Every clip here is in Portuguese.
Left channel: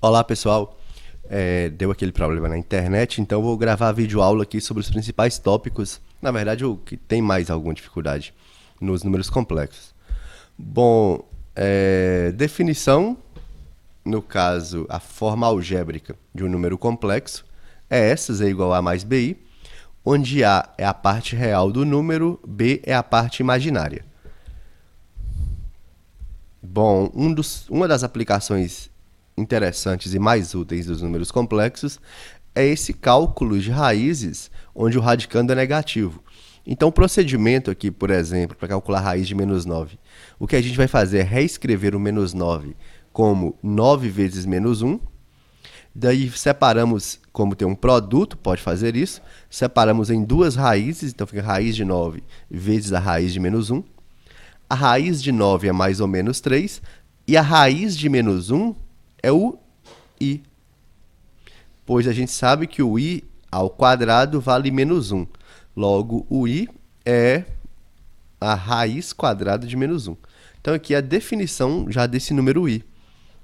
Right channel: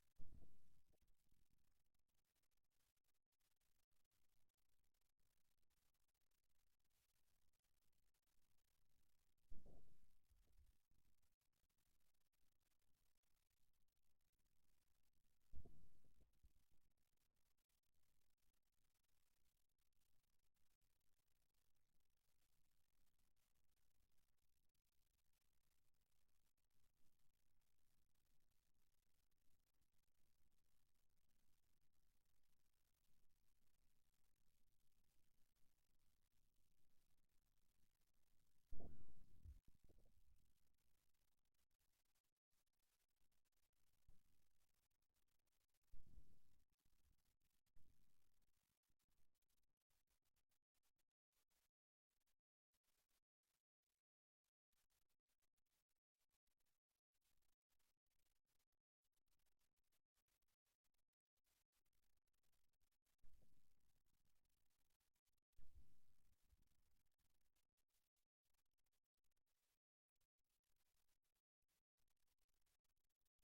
Olá pessoal, deu aquele problema na internet, então vou gravar vídeo aula aqui sobre os principais tópicos, na verdade o que tem mais alguma dificuldade nos números complexos. Bom, definição, no caso a forma algébrica de um número complexo, é essa, z igual a mais bi, onde a é a parte real do número, b é a parte imaginária. Bom, uma das aplicações interessantes e mais úteis dos números complexos é esse cálculo de raízes, onde o radicando é negativo. Então, o procedimento aqui, por exemplo, para calcular a raiz de menos 9, o que a gente vai fazer é reescrever o menos 9 como 9 vezes menos 1. Daí, separamos, como tem um produto, pode fazer isso, separamos em duas raízes, então fica raiz de 9 vezes a raiz de menos 1. A raiz de 9 é mais ou menos 3, e a raiz de menos 1 é o i, pois a gente sabe que o i ao quadrado vale menos 1. Logo, o i é a raiz quadrada de menos 1. Então, aqui é a definição já desse número i.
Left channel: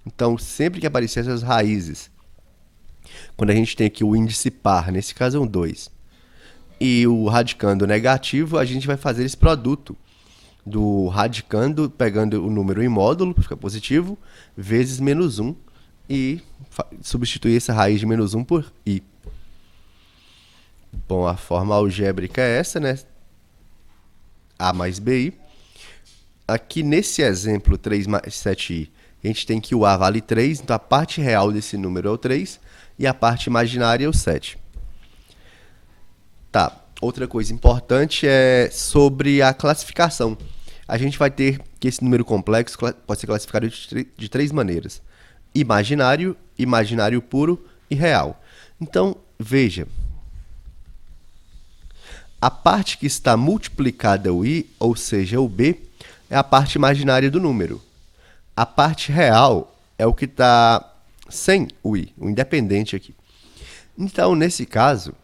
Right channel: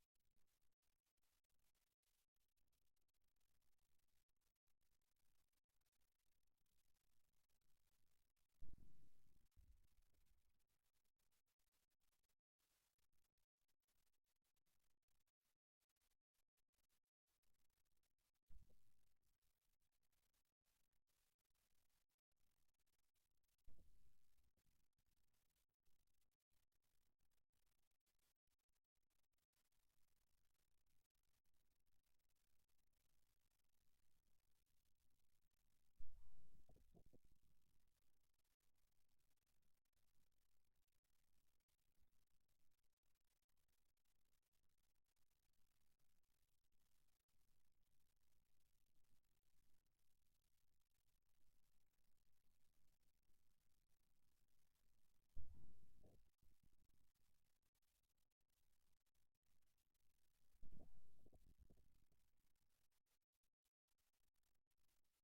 Então, sempre que aparecer essas raízes, quando a gente tem aqui o índice par, nesse caso é um 2, e o radicando negativo, a gente vai fazer esse produto do radicando, pegando o número em módulo, fica positivo, vezes menos 1, e substituir essa raiz de menos 1 por i. Bom, a forma algébrica é essa, né? A mais bi. Aqui nesse exemplo 3 mais 7i, a gente tem que o a vale 3, então a parte real desse número é o 3, e a parte imaginária é o 7. Tá, outra coisa importante é sobre a classificação. A gente vai ter que esse número complexo pode ser classificado de três maneiras: imaginário, imaginário puro e real. Então, veja, a parte que está multiplicada o i, ou seja, o b, é a parte imaginária do número. A parte real é o que está sem o i, o independente aqui. Então, nesse caso,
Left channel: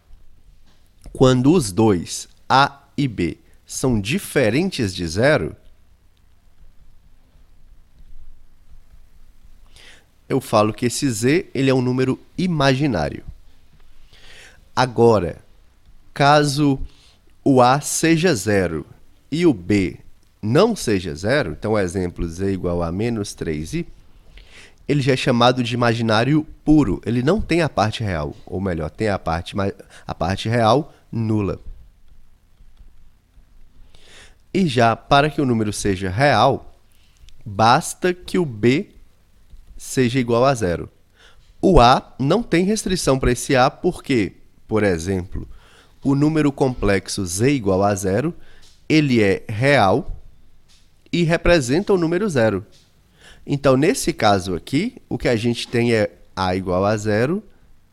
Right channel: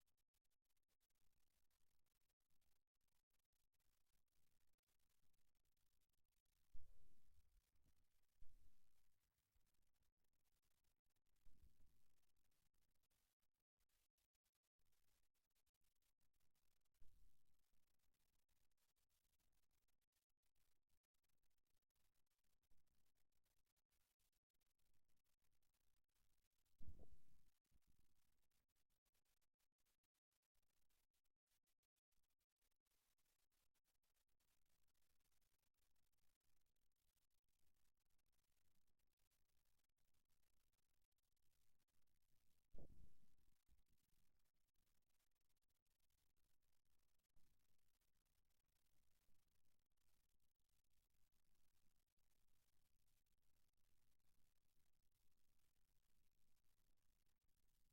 quando os dois, a e b, são diferentes de zero, eu falo que esse z ele é um número imaginário. Agora, caso o a seja zero e o b não seja zero, então, exemplo, z igual a menos 3i, ele já é chamado de imaginário puro. Ele não tem a parte real, ou melhor, tem a parte real nula. E já para que o número seja real, basta que o b seja igual a zero. O a não tem restrição para esse a porque, por exemplo, o número complexo z igual a zero, ele é real e representa o número zero. Então, nesse caso aqui, o que a gente tem é a igual a zero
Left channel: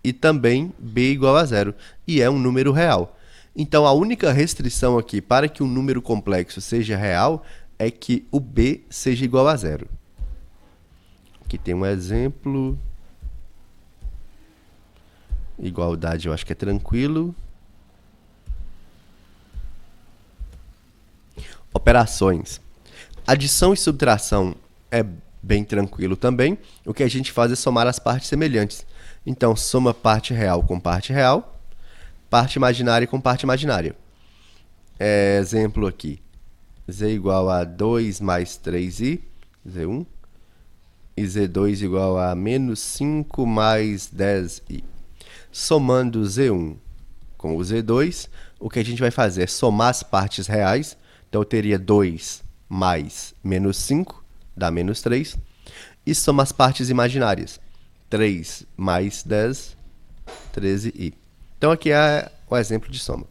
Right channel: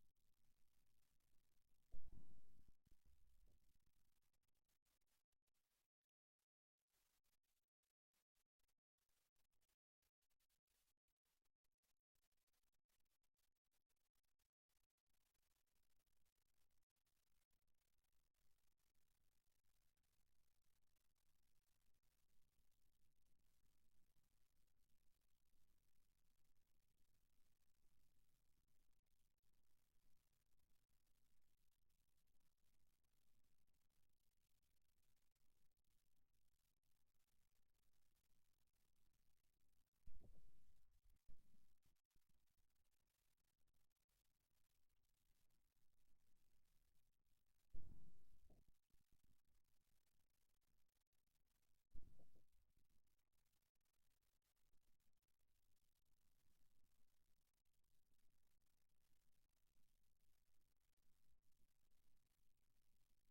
e também b igual a zero, e é um número real. Então, a única restrição aqui para que um número complexo seja real é que o b seja igual a zero. Aqui tem um exemplo. Igualdade eu acho que é tranquilo. Operações. Adição e subtração é bem tranquilo também. O que a gente faz é somar as partes semelhantes. Então, soma parte real com parte real, parte imaginária com parte imaginária. Exemplo aqui. Z igual a 2 mais 3i, z1, e z2 igual a menos 5 mais 10i. Somando z1 com o z2, o que a gente vai fazer é somar as partes reais. Então, eu teria 2 mais menos 5, dá menos 3. E soma as partes imaginárias. 3 mais 10, 13i. Então, aqui é o exemplo de soma.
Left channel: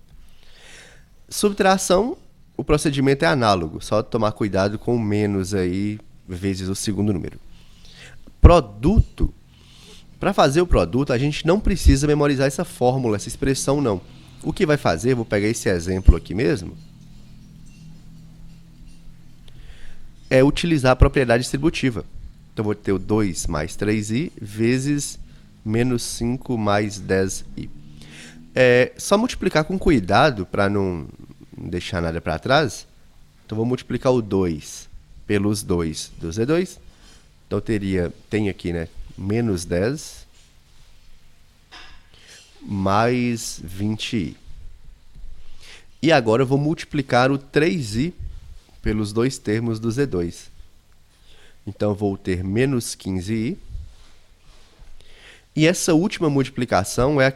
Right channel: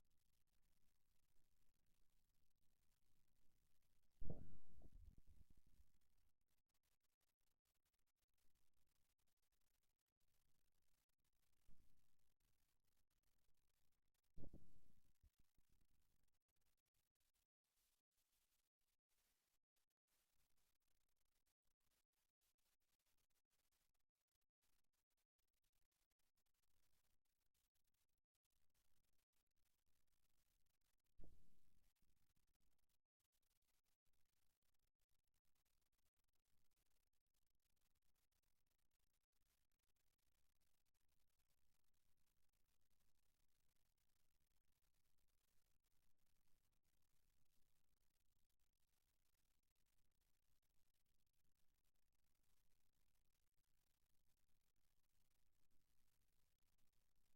Subtração, o procedimento é análogo, só tomar cuidado com o menos aí, vezes o segundo número. Produto. Para fazer o produto, a gente não precisa memorizar essa fórmula, essa expressão, não. O que vai fazer, vou pegar esse exemplo aqui mesmo, é utilizar a propriedade distributiva. Então, vou ter o 2 mais 3i vezes menos 5 mais 10i. Só multiplicar com cuidado para não deixar nada para trás. Então, vou multiplicar o 2 pelos 2 do z2. Então, tem aqui, né, menos 10 mais 20i. E agora eu vou multiplicar o 3i pelos dois termos do Z2. Então, eu vou ter menos 15i. E essa última multiplicação é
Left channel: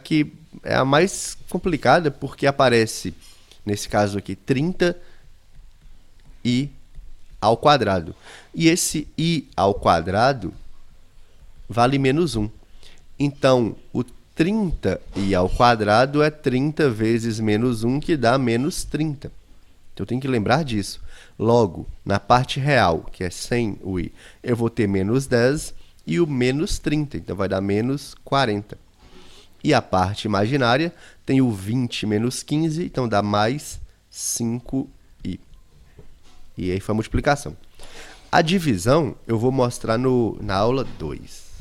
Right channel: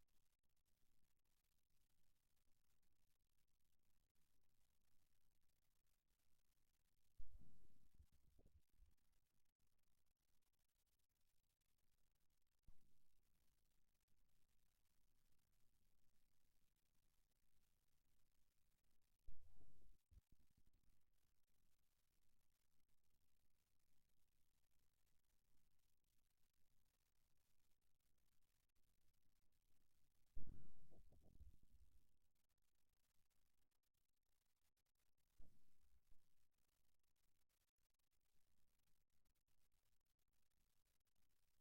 a mais complicada, porque aparece, nesse caso aqui, 30i ao quadrado. E esse i ao quadrado vale menos 1. Então, o 30i ao quadrado é 30 vezes menos 1, que dá menos 30. Então, eu tenho que lembrar disso. Logo, na parte real, que é sem o i, eu vou ter menos 10 e o menos 30. Então, vai dar menos 40. E a parte imaginária tem o 20 menos 15, então dá mais 5i. E aí foi a multiplicação. A divisão eu vou mostrar na aula 2.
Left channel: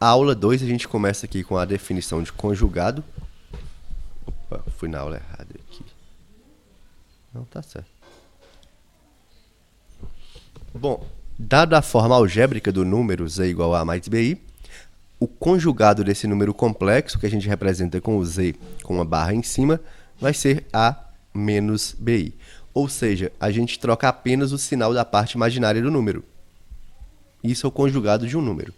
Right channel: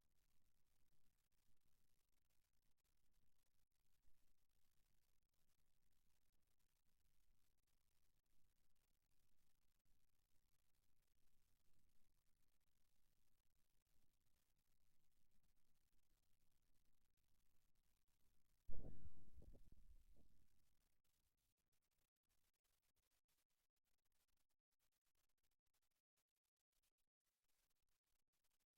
A aula 2 a gente começa aqui com a definição de conjugado. Opa, fui na aula errada aqui. Não, tá certo. Bom, dada a forma algébrica do número z igual a mais bi, o conjugado desse número complexo, que a gente representa com o z com uma barra em cima, vai ser a menos bi. Ou seja, a gente troca apenas o sinal da parte imaginária do número. Isso é o conjugado de um número.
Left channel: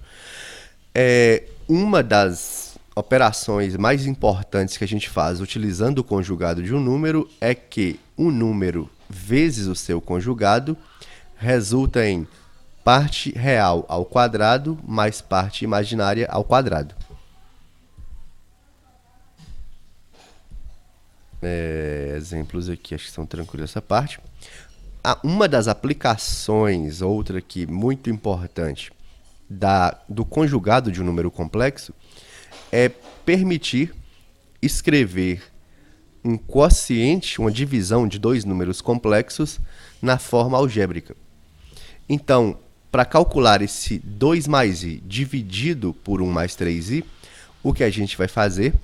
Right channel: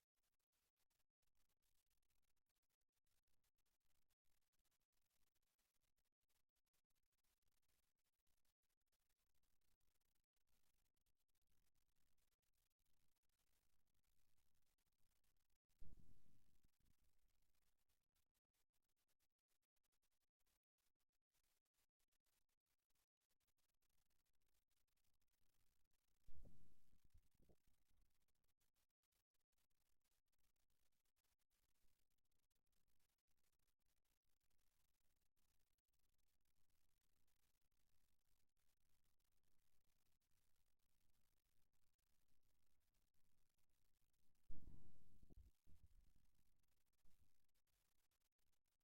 Uma das operações mais importantes que a gente faz utilizando o conjugado de um número é que um número vezes o seu conjugado resulta em parte real ao quadrado mais parte imaginária ao quadrado. Exemplos aqui, acho que são tranquilos essa parte. Uma das aplicações, outra aqui muito importante, do conjugado de um número complexo é permitir escrever um quociente, uma divisão de dois números complexos na forma algébrica. Então, para calcular esse 2 mais i dividido por 1 mais 3i, o que a gente vai fazer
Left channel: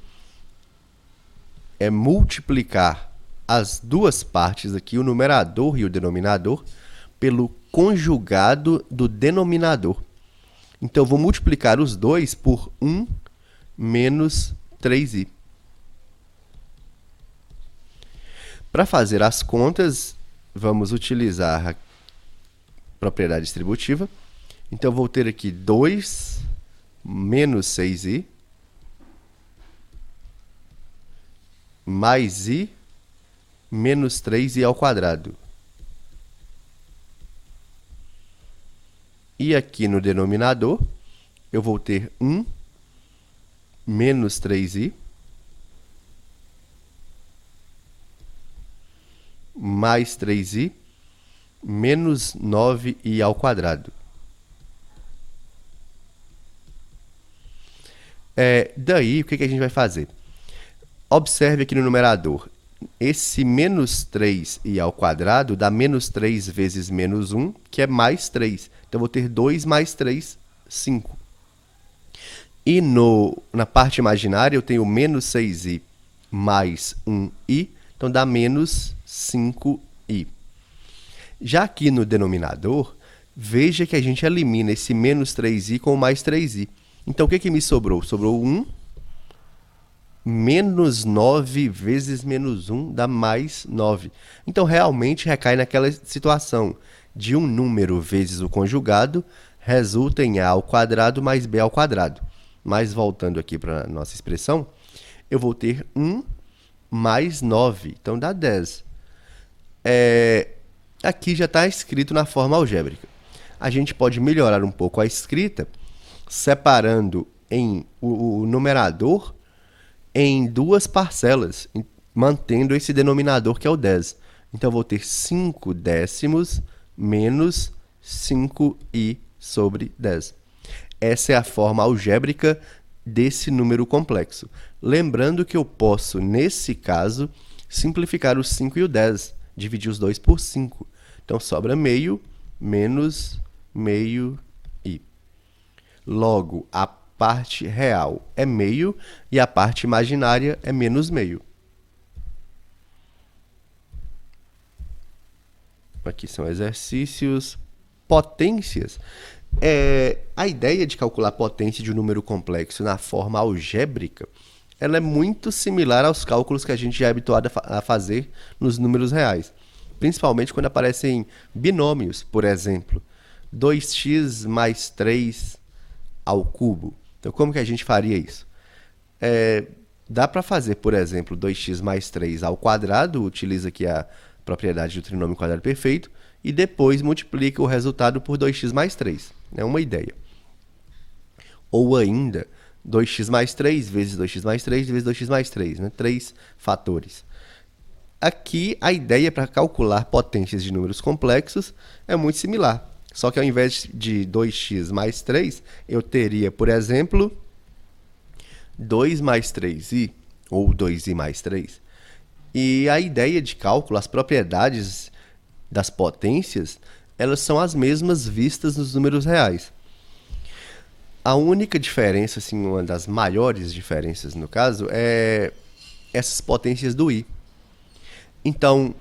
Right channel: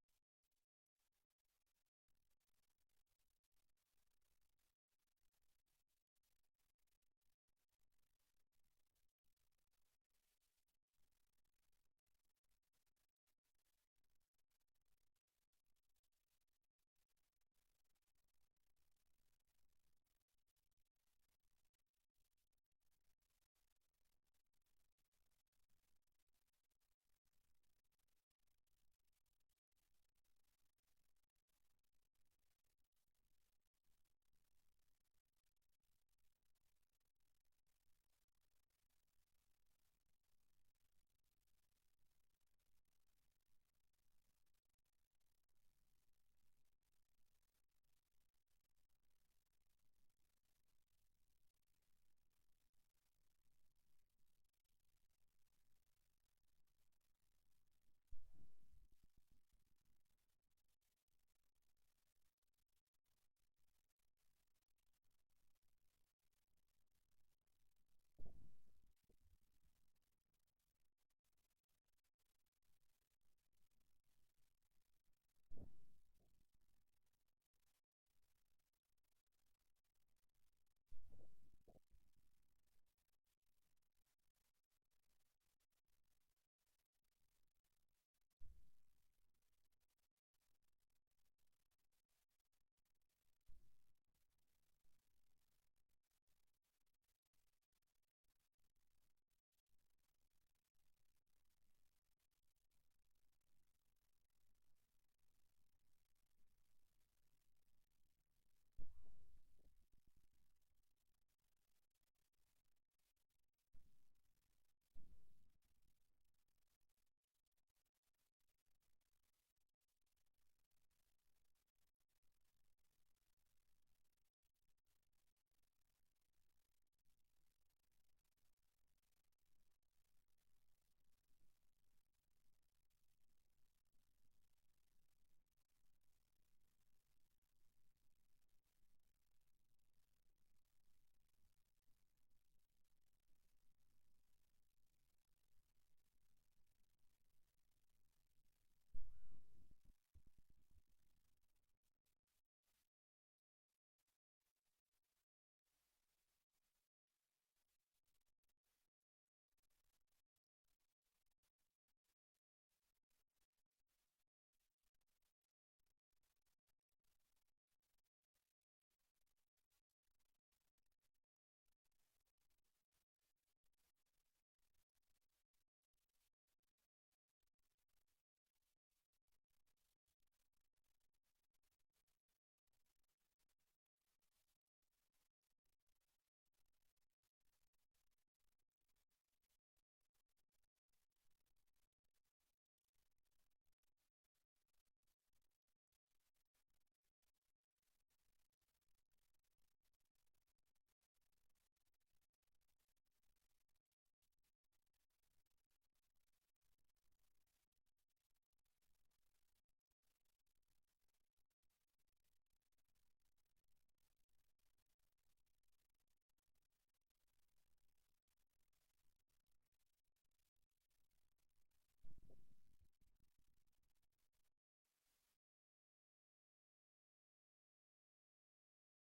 é multiplicar as duas partes aqui, o numerador e o denominador, pelo conjugado do denominador. Então, eu vou multiplicar os dois por 1 menos 3i. Para fazer as contas, vamos utilizar a propriedade distributiva. Então, eu vou ter aqui 2 menos 6i mais i menos 3i ao quadrado. E aqui no denominador, eu vou ter 1 menos 3i mais 3i menos 9i ao quadrado. Daí, o que a gente vai fazer? Observe aqui no numerador. Esse menos 3i ao quadrado dá menos 3 vezes menos 1, que é mais 3. Então, eu vou ter 2 mais 3, 5. E na parte imaginária, eu tenho menos 6i mais 1i, então dá menos 5i. Já aqui no denominador, veja que a gente elimina esse menos 3i com mais 3i. Então, o que me sobrou? Sobrou 1 menos 9 vezes menos 1 dá mais 9. Então, realmente recai naquela situação de um número vezes o conjugado resulta em a ao quadrado mais b ao quadrado. Mas, voltando aqui para a nossa expressão, eu vou ter 1 mais 9, então dá 10. Aqui já está escrito na forma algébrica. A gente pode melhorar um pouco a escrita, separando o numerador em duas parcelas, mantendo esse denominador que é o 10. Então, eu vou ter 5 décimos menos 5i sobre 10. Essa é a forma algébrica desse número complexo. Lembrando que eu posso, nesse caso, simplificar o 5 e o 10, dividir os dois por 5. Então, sobra meio menos meio i. Logo, a parte real é meio e a parte imaginária é menos meio. Aqui são exercícios. Potências. A ideia de calcular a potência de um número complexo na forma algébrica, ela é muito similar aos cálculos que a gente já é habituado a fazer nos números reais. Principalmente quando aparecem binômios, por exemplo. 2x mais 3 ao cubo. Então, como que a gente faria isso? Dá para fazer, por exemplo, 2x mais 3 ao quadrado, utiliza aqui a propriedade do trinômio quadrado perfeito, e depois multiplica o resultado por 2x mais 3. É uma ideia. Ou ainda, 2x mais 3 vezes 2x mais 3 vezes 2x mais 3, né? 3 fatores. Aqui, a ideia para calcular potências de números complexos é muito similar. Só que ao invés de 2x mais 3, eu teria, por exemplo, 2 mais 3i, ou 2i mais 3. E a ideia de cálculo, as propriedades das potências, elas são as mesmas vistas nos números reais. A única diferença, assim, uma das maiores diferenças no caso, é essas potências do i. Então,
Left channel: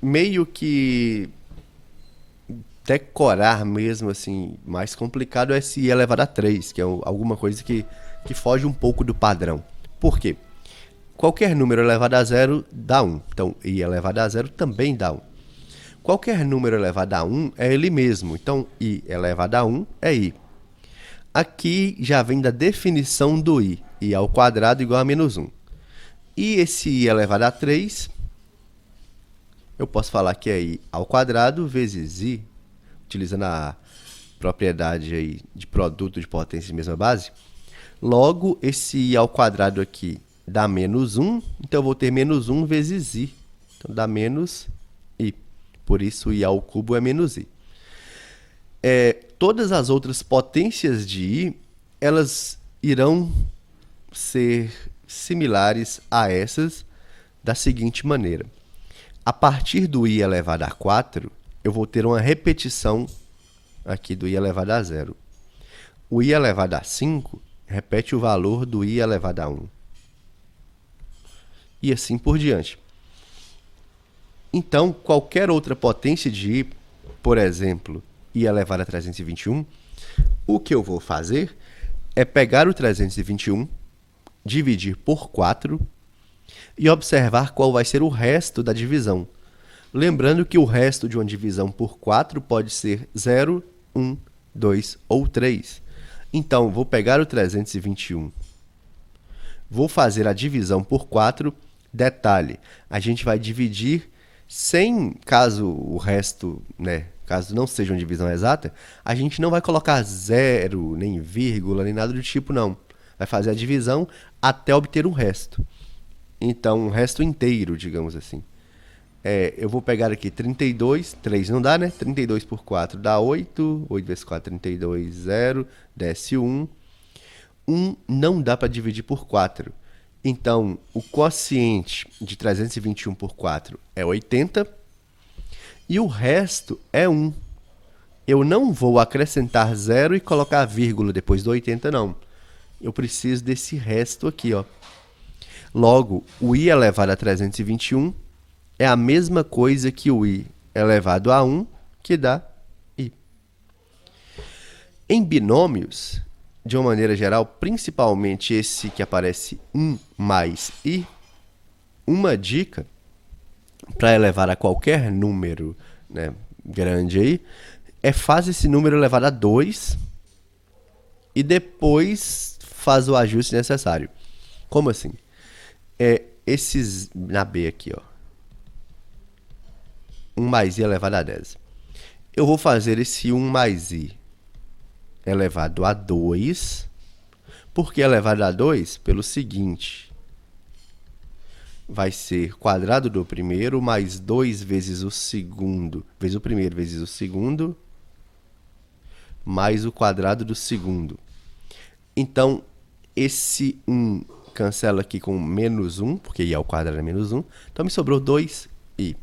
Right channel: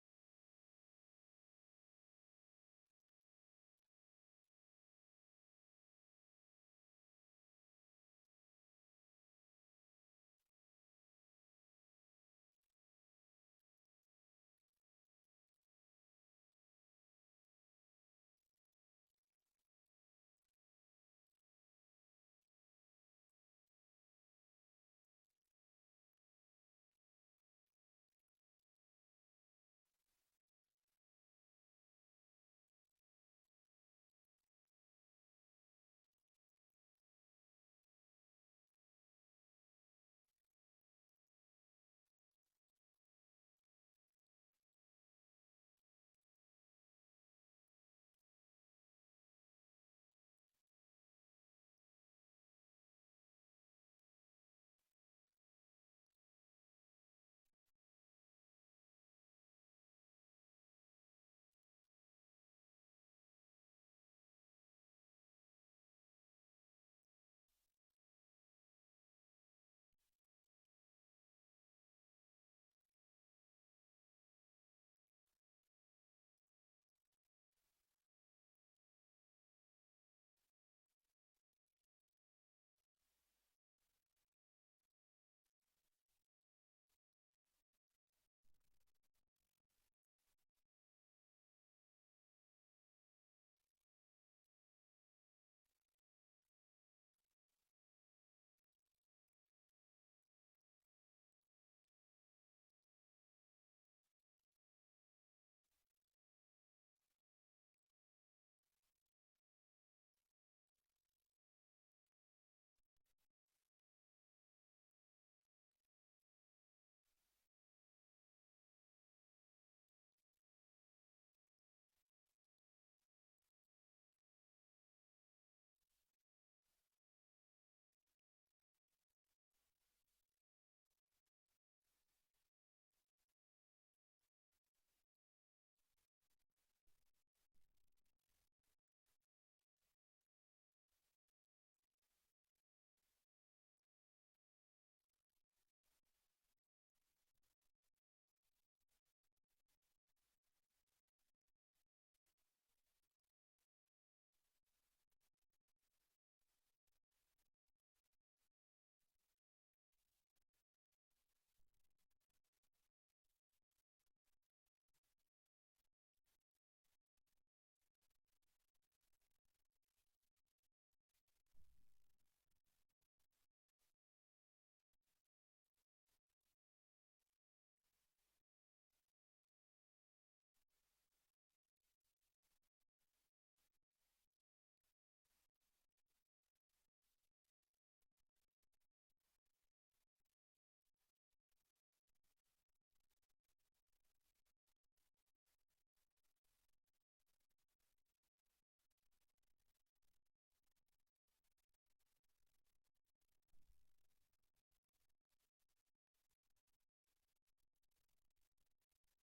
meio que decorar mesmo, assim, mais complicado é esse i elevado a 3, que é alguma coisa que foge um pouco do padrão. Por quê? Qualquer número elevado a zero dá 1. Então, i elevado a zero também dá 1. Qualquer número elevado a 1 é ele mesmo. Então, i elevado a 1 é i. Aqui já vem da definição do i. I ao quadrado igual a menos 1. E esse i elevado a 3, eu posso falar que é i ao quadrado vezes i, utilizando a propriedade aí de produto de potência de mesma base. Logo, esse i ao quadrado aqui dá menos 1, então eu vou ter menos 1 vezes i. Então, dá menos i. Por isso, i ao cubo é menos i. Todas as outras potências de i, elas irão ser similares a essas da seguinte maneira. A partir do i elevado a 4, eu vou ter uma repetição aqui do i elevado a 0. O i elevado a 5 repete o valor do i elevado a 1. E assim por diante. Então, qualquer outra potência de i, por exemplo, i elevado a 321, o que eu vou fazer é pegar o 321, dividir por 4 e observar qual vai ser o resto da divisão. Lembrando que o resto de uma divisão por 4 pode ser 0, 1, 2 ou 3. Então, vou pegar o 321, vou fazer a divisão por 4. Detalhe, a gente vai dividir sem, caso o resto, né, caso não seja uma divisão exata, a gente não vai colocar zero, nem vírgula, nem nada do tipo, não. Vai fazer a divisão até obter o resto. Então, um resto inteiro, digamos assim. Eu vou pegar aqui 32, 3 não dá, né? 32 por 4 dá 8, 8 vezes 4, 32, 0, desce 1. 1 não dá para dividir por 4. Então, o quociente de 321 por 4 é 80 e o resto é 1. Eu não vou acrescentar 0 e colocar vírgula depois do 80, não. Eu preciso desse resto aqui, ó. Logo, o i elevado a 321 é a mesma coisa que o i elevado a 1, que dá i. Em binômios, de uma maneira geral, principalmente esse que aparece 1 mais i, uma dica para elevar a qualquer número, né, grande aí, é faz esse número elevado a 2 e depois faz o ajuste necessário. Como assim? Esses na B aqui, ó. 1 mais i elevado a 10. Eu vou fazer esse 1 mais i elevado a 2. Por que elevado a 2? Pelo seguinte. Vai ser quadrado do primeiro mais 2 vezes o segundo, vezes o primeiro vezes o segundo, mais o quadrado do segundo. Então, esse 1 cancela aqui com menos 1, porque i ao quadrado é menos 1. Então, me sobrou 2i.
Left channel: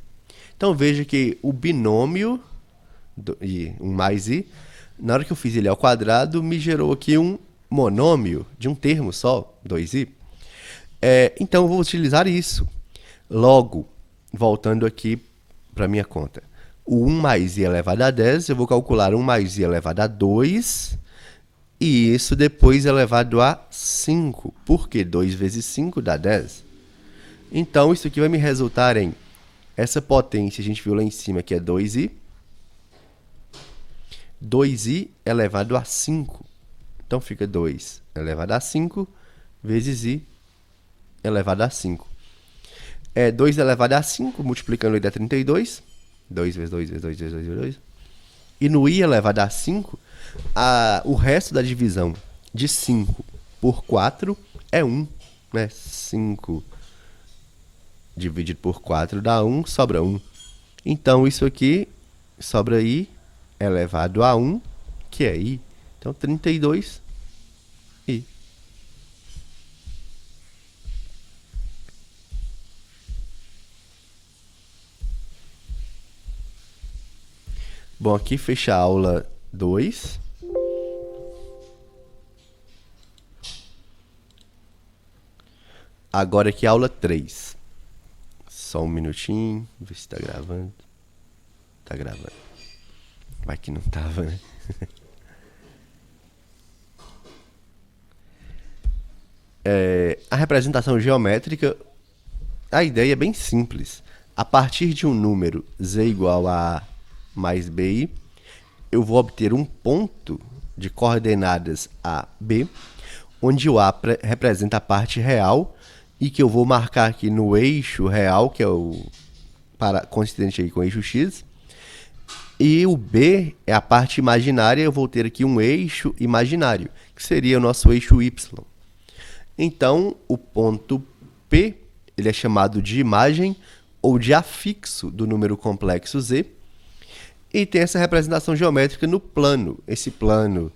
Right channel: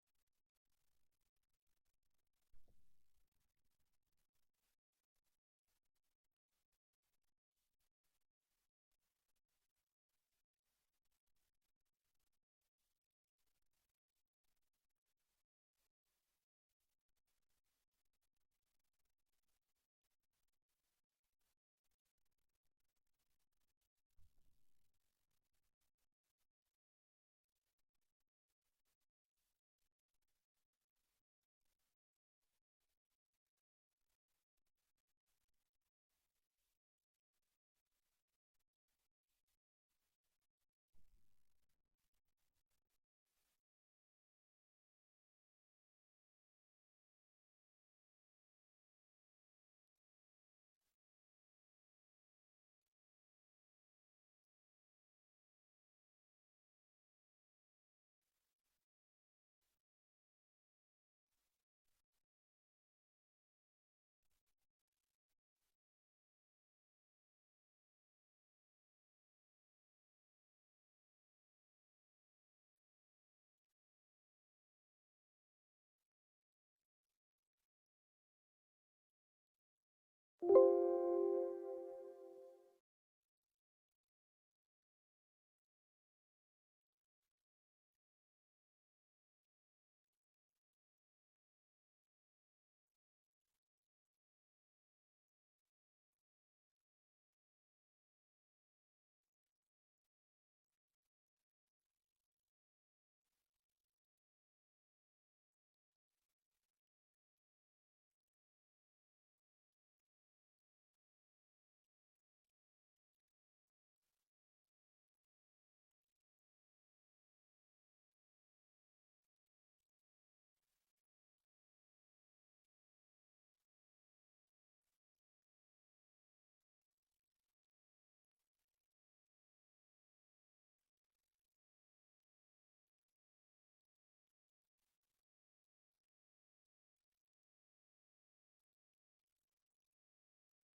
Então, veja que o binômio, 1 mais i, na hora que eu fiz ele ao quadrado, me gerou aqui um monômio de um termo só, 2i. Então, eu vou utilizar isso. Logo, voltando aqui para a minha conta. o 1 mais i elevado a 10, eu vou calcular 1 mais i elevado a 2, e isso depois elevado a 5, porque 2 vezes 5 dá 10. Então, isso aqui vai me resultar em essa potência, a gente viu lá em cima, que é 2i. 2i elevado a 5. Então, fica 2 elevado a 5 vezes i elevado a 5. 2 elevado a 5, multiplicando ele dá 32. 2 vezes 2 vezes 2 vezes 2 vezes 2. E no i elevado a 5, o resto da divisão de 5 por 4 é 1. Né? 5 dividido por 4 dá 1, sobra 1. Então, isso aqui sobra i elevado a 1, que é i. Então, 32i. Bom, aqui fecha a aula 2. Agora aqui a aula 3. Só um minutinho, ver se tá gravando. Tá gravando. Vai que não tava, né? A representação geométrica, a ideia é bem simples. A partir de um número z igual a mais bi, eu vou obter um ponto de coordenadas a, b, onde o a representa a parte real e que eu vou marcar aqui no eixo real, que é o coincidente aí com o eixo x. E o b é a parte imaginária, eu vou ter aqui um eixo imaginário, que seria o nosso eixo y. Então, o ponto P, ele é chamado de imagem ou de afixo do número complexo z, e tem essa representação geométrica no plano. Esse plano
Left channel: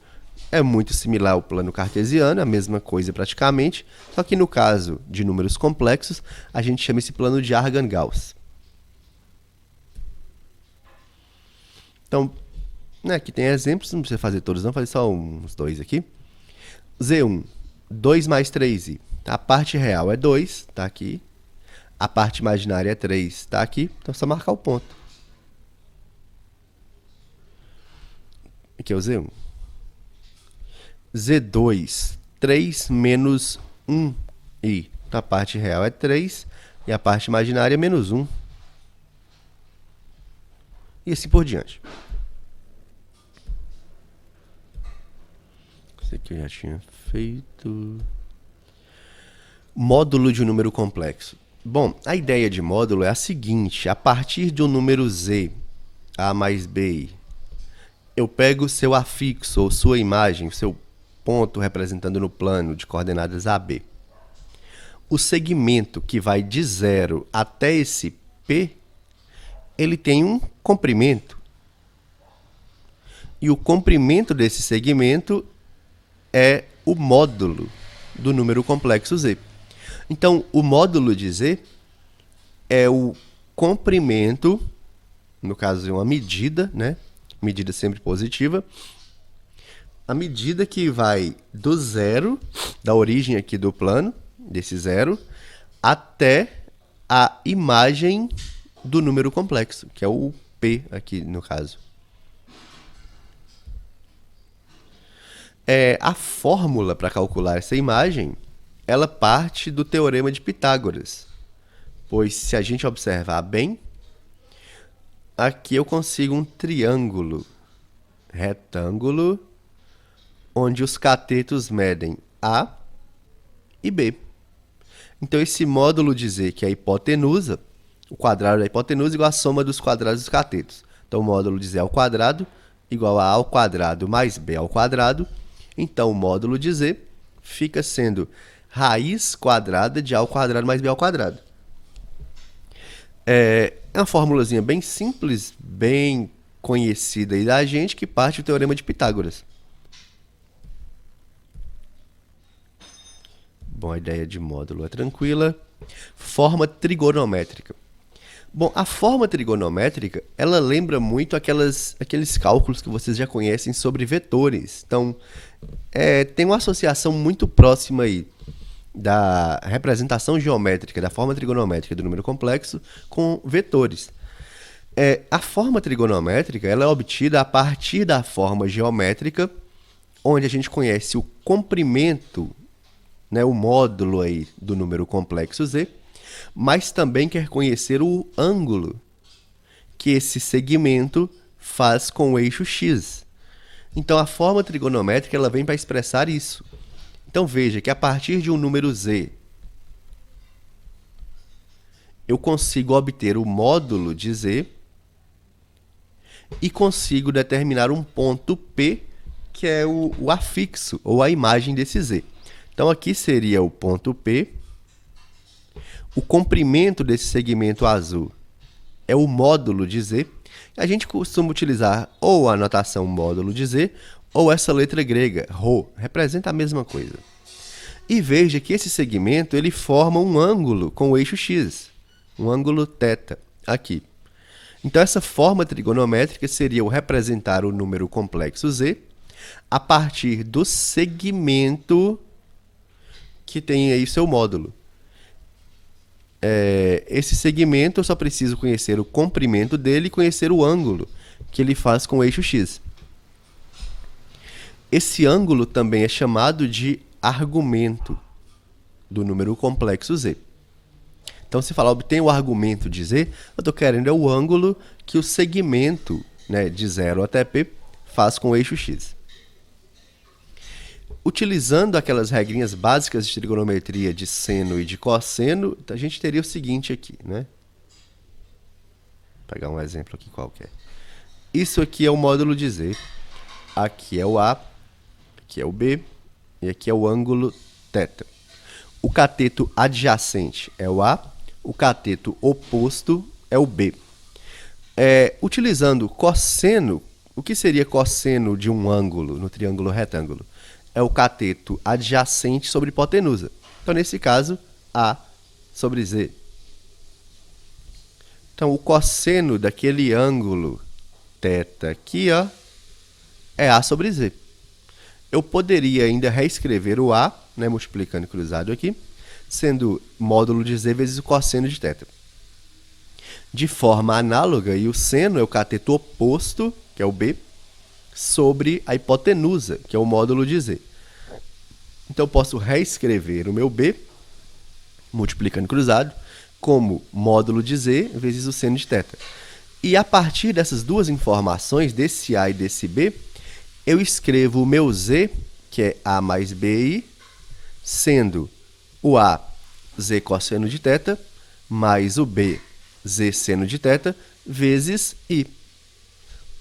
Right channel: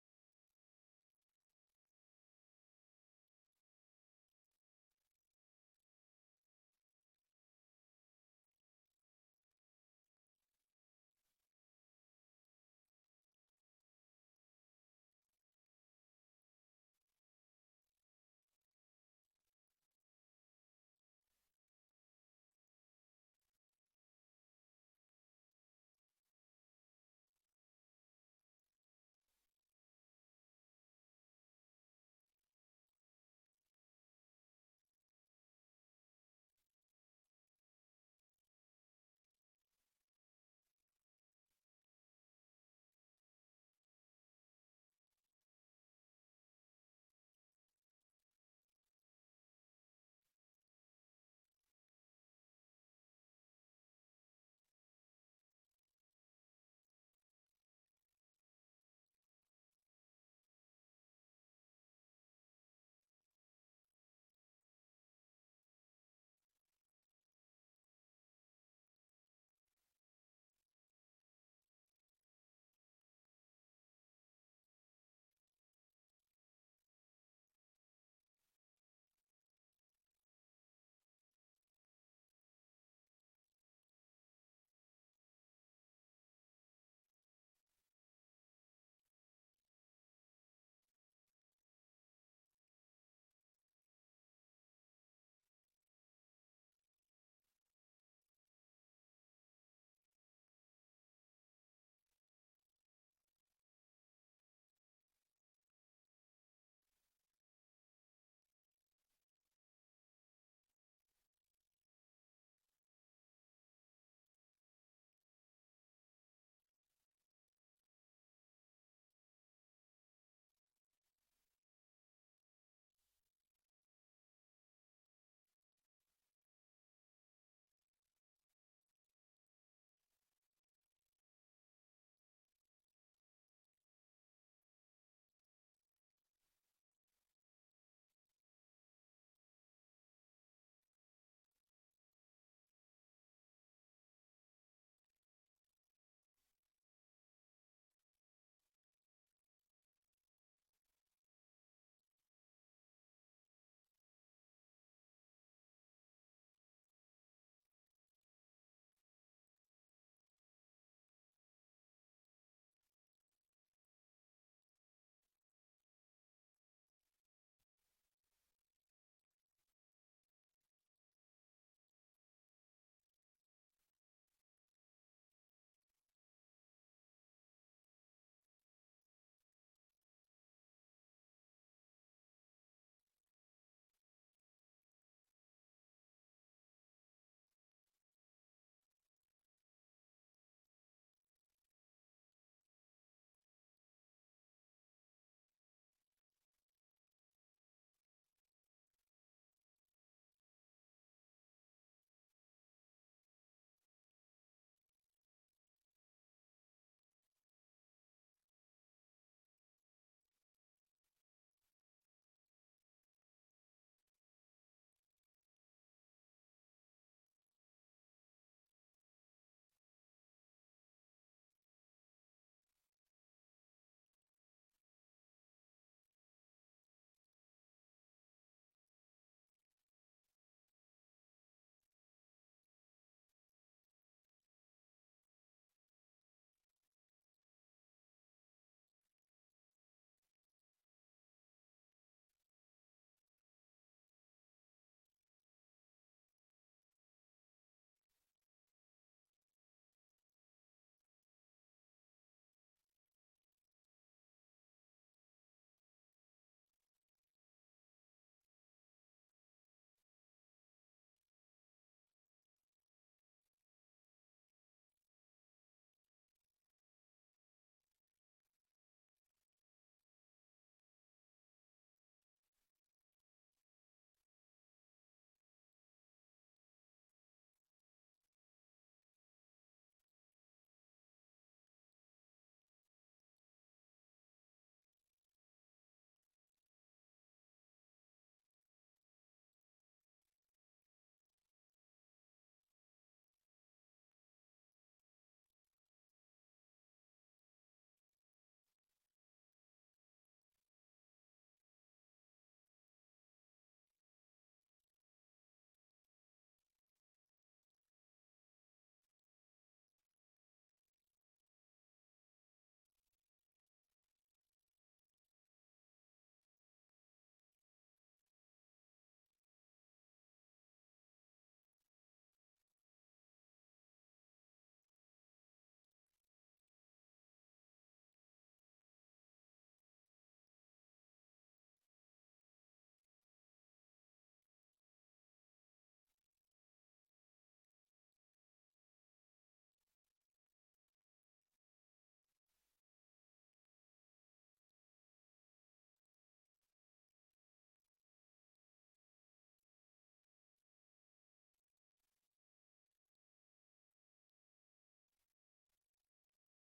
é muito similar ao plano cartesiano, a mesma coisa praticamente, só que no caso de números complexos, a gente chama esse plano de Argand-Gauss. Então, né, aqui tem exemplos, não precisa fazer todos não, vou fazer só uns dois aqui. Z1, 2 mais 3i. A parte real é 2, está aqui. A parte imaginária é 3, está aqui. Então, é só marcar o ponto. Aqui é o Z1. Z2, 3 menos 1i. Então, a parte real é 3 e a parte imaginária é menos 1. E assim por diante. Isso aqui eu já tinha feito. Módulo de um número complexo. Bom, a ideia de módulo é a seguinte. A partir de um número z, a mais b, eu pego o seu afixo ou sua imagem, seu ponto representando no plano de coordenadas AB. O segmento que vai de 0 até esse P, ele tem um comprimento. E o comprimento desse segmento é o módulo do número complexo z. Então, o módulo de z é o comprimento, no caso, é uma medida, né? Medida sempre positiva. A medida que vai do zero, da origem aqui do plano, desse zero, até a imagem do número complexo, que é o P aqui no caso. A fórmula para calcular essa imagem, ela parte do teorema de Pitágoras. Pois se a gente observar bem, aqui eu consigo um triângulo retângulo, onde os catetos medem A e B. Então, esse módulo de Z, que é a hipotenusa, o quadrado da hipotenusa igual a soma dos quadrados dos catetos. Então, o módulo de Z ao quadrado igual a ao quadrado mais B ao quadrado. Então, o módulo de Z fica sendo raiz quadrada de A ao quadrado mais B ao quadrado. É uma formulazinha bem simples, bem conhecida aí da gente, que parte do teorema de Pitágoras. Bom, a ideia de módulo é tranquila. Forma trigonométrica. Bom, a forma trigonométrica, ela lembra muito aqueles cálculos que vocês já conhecem sobre vetores. Então, tem uma associação muito próxima aí da representação geométrica, da forma trigonométrica do número complexo com vetores. A forma trigonométrica ela é obtida a partir da forma geométrica, onde a gente conhece o comprimento, né, o módulo aí do número complexo z, mas também quer conhecer o ângulo que esse segmento faz com o eixo x. Então, a forma trigonométrica ela vem para expressar isso. Então, veja que a partir de um número z, eu consigo obter o módulo de z e consigo determinar um ponto P, que é o afixo, ou a imagem desse z. Então, aqui seria o ponto P. O comprimento desse segmento azul é o módulo de z. A gente costuma utilizar ou a notação módulo de z, ou essa letra grega, ρ, representa a mesma coisa. E veja que esse segmento ele forma um ângulo com o eixo x, um ângulo θ, aqui. Então, essa forma trigonométrica seria o representar o número complexo z a partir do segmento que tem aí seu módulo. Esse segmento eu só preciso conhecer o comprimento dele e conhecer o ângulo que ele faz com o eixo x. Esse ângulo também é chamado de argumento do número complexo z. Então, se falar obtém o argumento de z, eu estou querendo é o ângulo que o segmento, né, de 0 até p faz com o eixo x. Utilizando aquelas regrinhas básicas de trigonometria de seno e de cosseno, a gente teria o seguinte aqui, né? Vou pegar um exemplo aqui qualquer. Isso aqui é o módulo de z, aqui é o a, aqui é o b e aqui é o ângulo θ. O cateto adjacente é o a, o cateto oposto é o b. Utilizando cosseno, o que seria cosseno de um ângulo no triângulo retângulo? É o cateto adjacente sobre hipotenusa. Então, nesse caso, A sobre Z. Então, o cosseno daquele ângulo θ aqui, ó, é A sobre Z. Eu poderia ainda reescrever o A, né, multiplicando cruzado aqui, sendo módulo de Z vezes o cosseno de θ. De forma análoga, e o seno é o cateto oposto, que é o B, sobre a hipotenusa, que é o módulo de z. Então, eu posso reescrever o meu b, multiplicando cruzado, como módulo de z vezes o seno de θ. E a partir dessas duas informações, desse a e desse b, eu escrevo o meu z, que é a mais bi, sendo o a z cosseno de θ, mais o b z seno de θ, vezes i.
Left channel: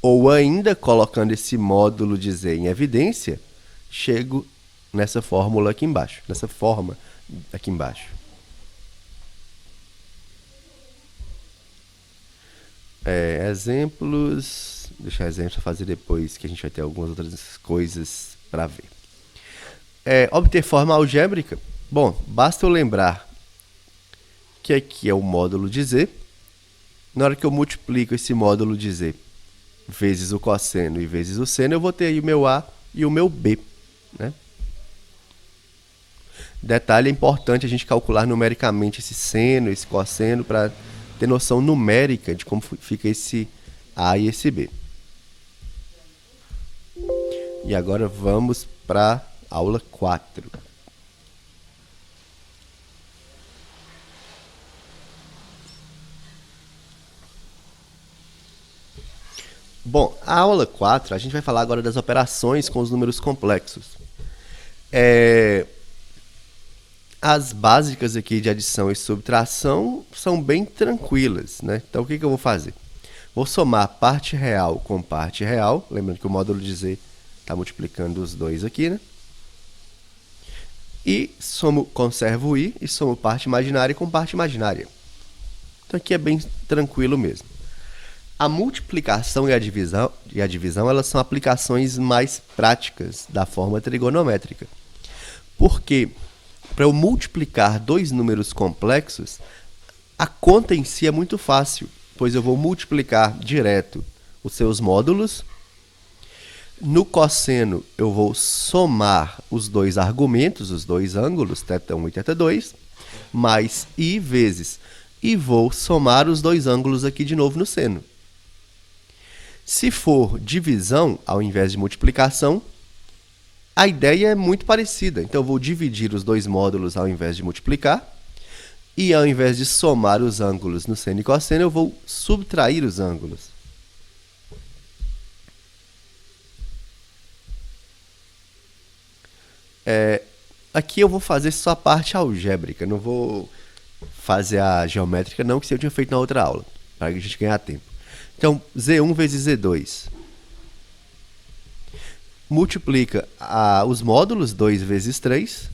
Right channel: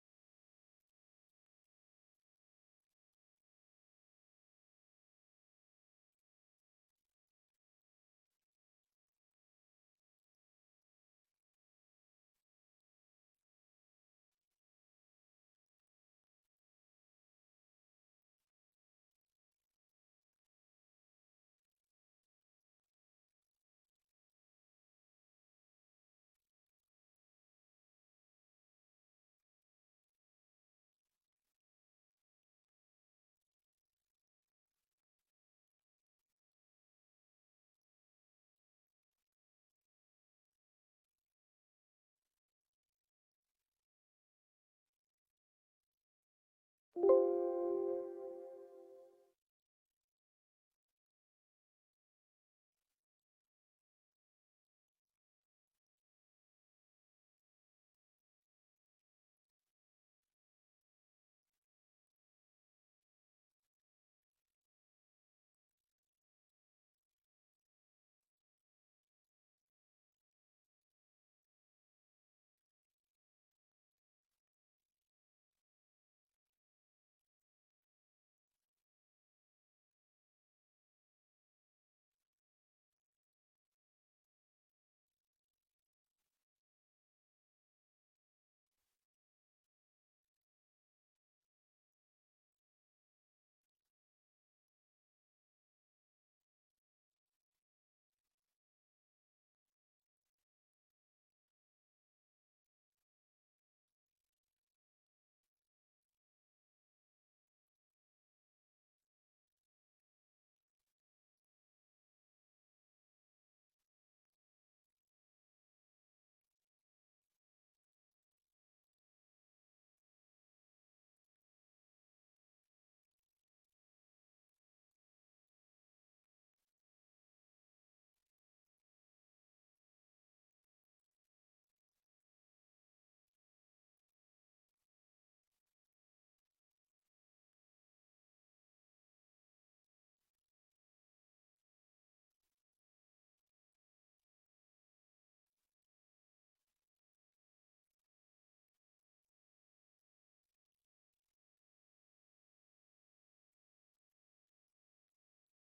Ou ainda, colocando esse módulo de z em evidência, chego nessa fórmula aqui embaixo, nessa forma aqui embaixo. Exemplos, deixar exemplos para fazer depois, que a gente vai ter algumas outras coisas para ver. Obter forma algébrica. Bom, basta eu lembrar que aqui é o módulo de z. Na hora que eu multiplico esse módulo de z vezes o cosseno e vezes o seno, eu vou ter aí o meu a e o meu b, né? Detalhe, é importante a gente calcular numericamente esse seno, esse cosseno, para ter noção numérica de como fica esse a e esse b. E agora vamos para a aula 4. Bom, a aula 4, a gente vai falar agora das operações com os números complexos. As básicas aqui de adição e subtração são bem tranquilas, né? Então, o que eu vou fazer? Vou somar parte real com parte real, lembrando que o módulo de z está multiplicando os dois aqui, né? E conservo o i e somo parte imaginária com parte imaginária. Então, aqui é bem tranquilo mesmo. A multiplicação e a divisão elas são aplicações mais práticas da forma trigonométrica. Porque, para eu multiplicar dois números complexos, a conta em si é muito fácil, pois eu vou multiplicar direto os seus módulos. No cosseno, eu vou somar os dois argumentos, os dois ângulos, θ1 e θ2, mais i vezes. E vou somar os dois ângulos aqui de novo no seno. Se for divisão ao invés de multiplicação, a ideia é muito parecida. Então, eu vou dividir os dois módulos ao invés de multiplicar. E ao invés de somar os ângulos no seno e cosseno, eu vou subtrair os ângulos. Aqui eu vou fazer só a parte algébrica, não vou fazer a geométrica não, que isso eu tinha feito na outra aula, para a gente ganhar tempo. Então, Z1 vezes Z2. Multiplica os módulos, 2 vezes 3.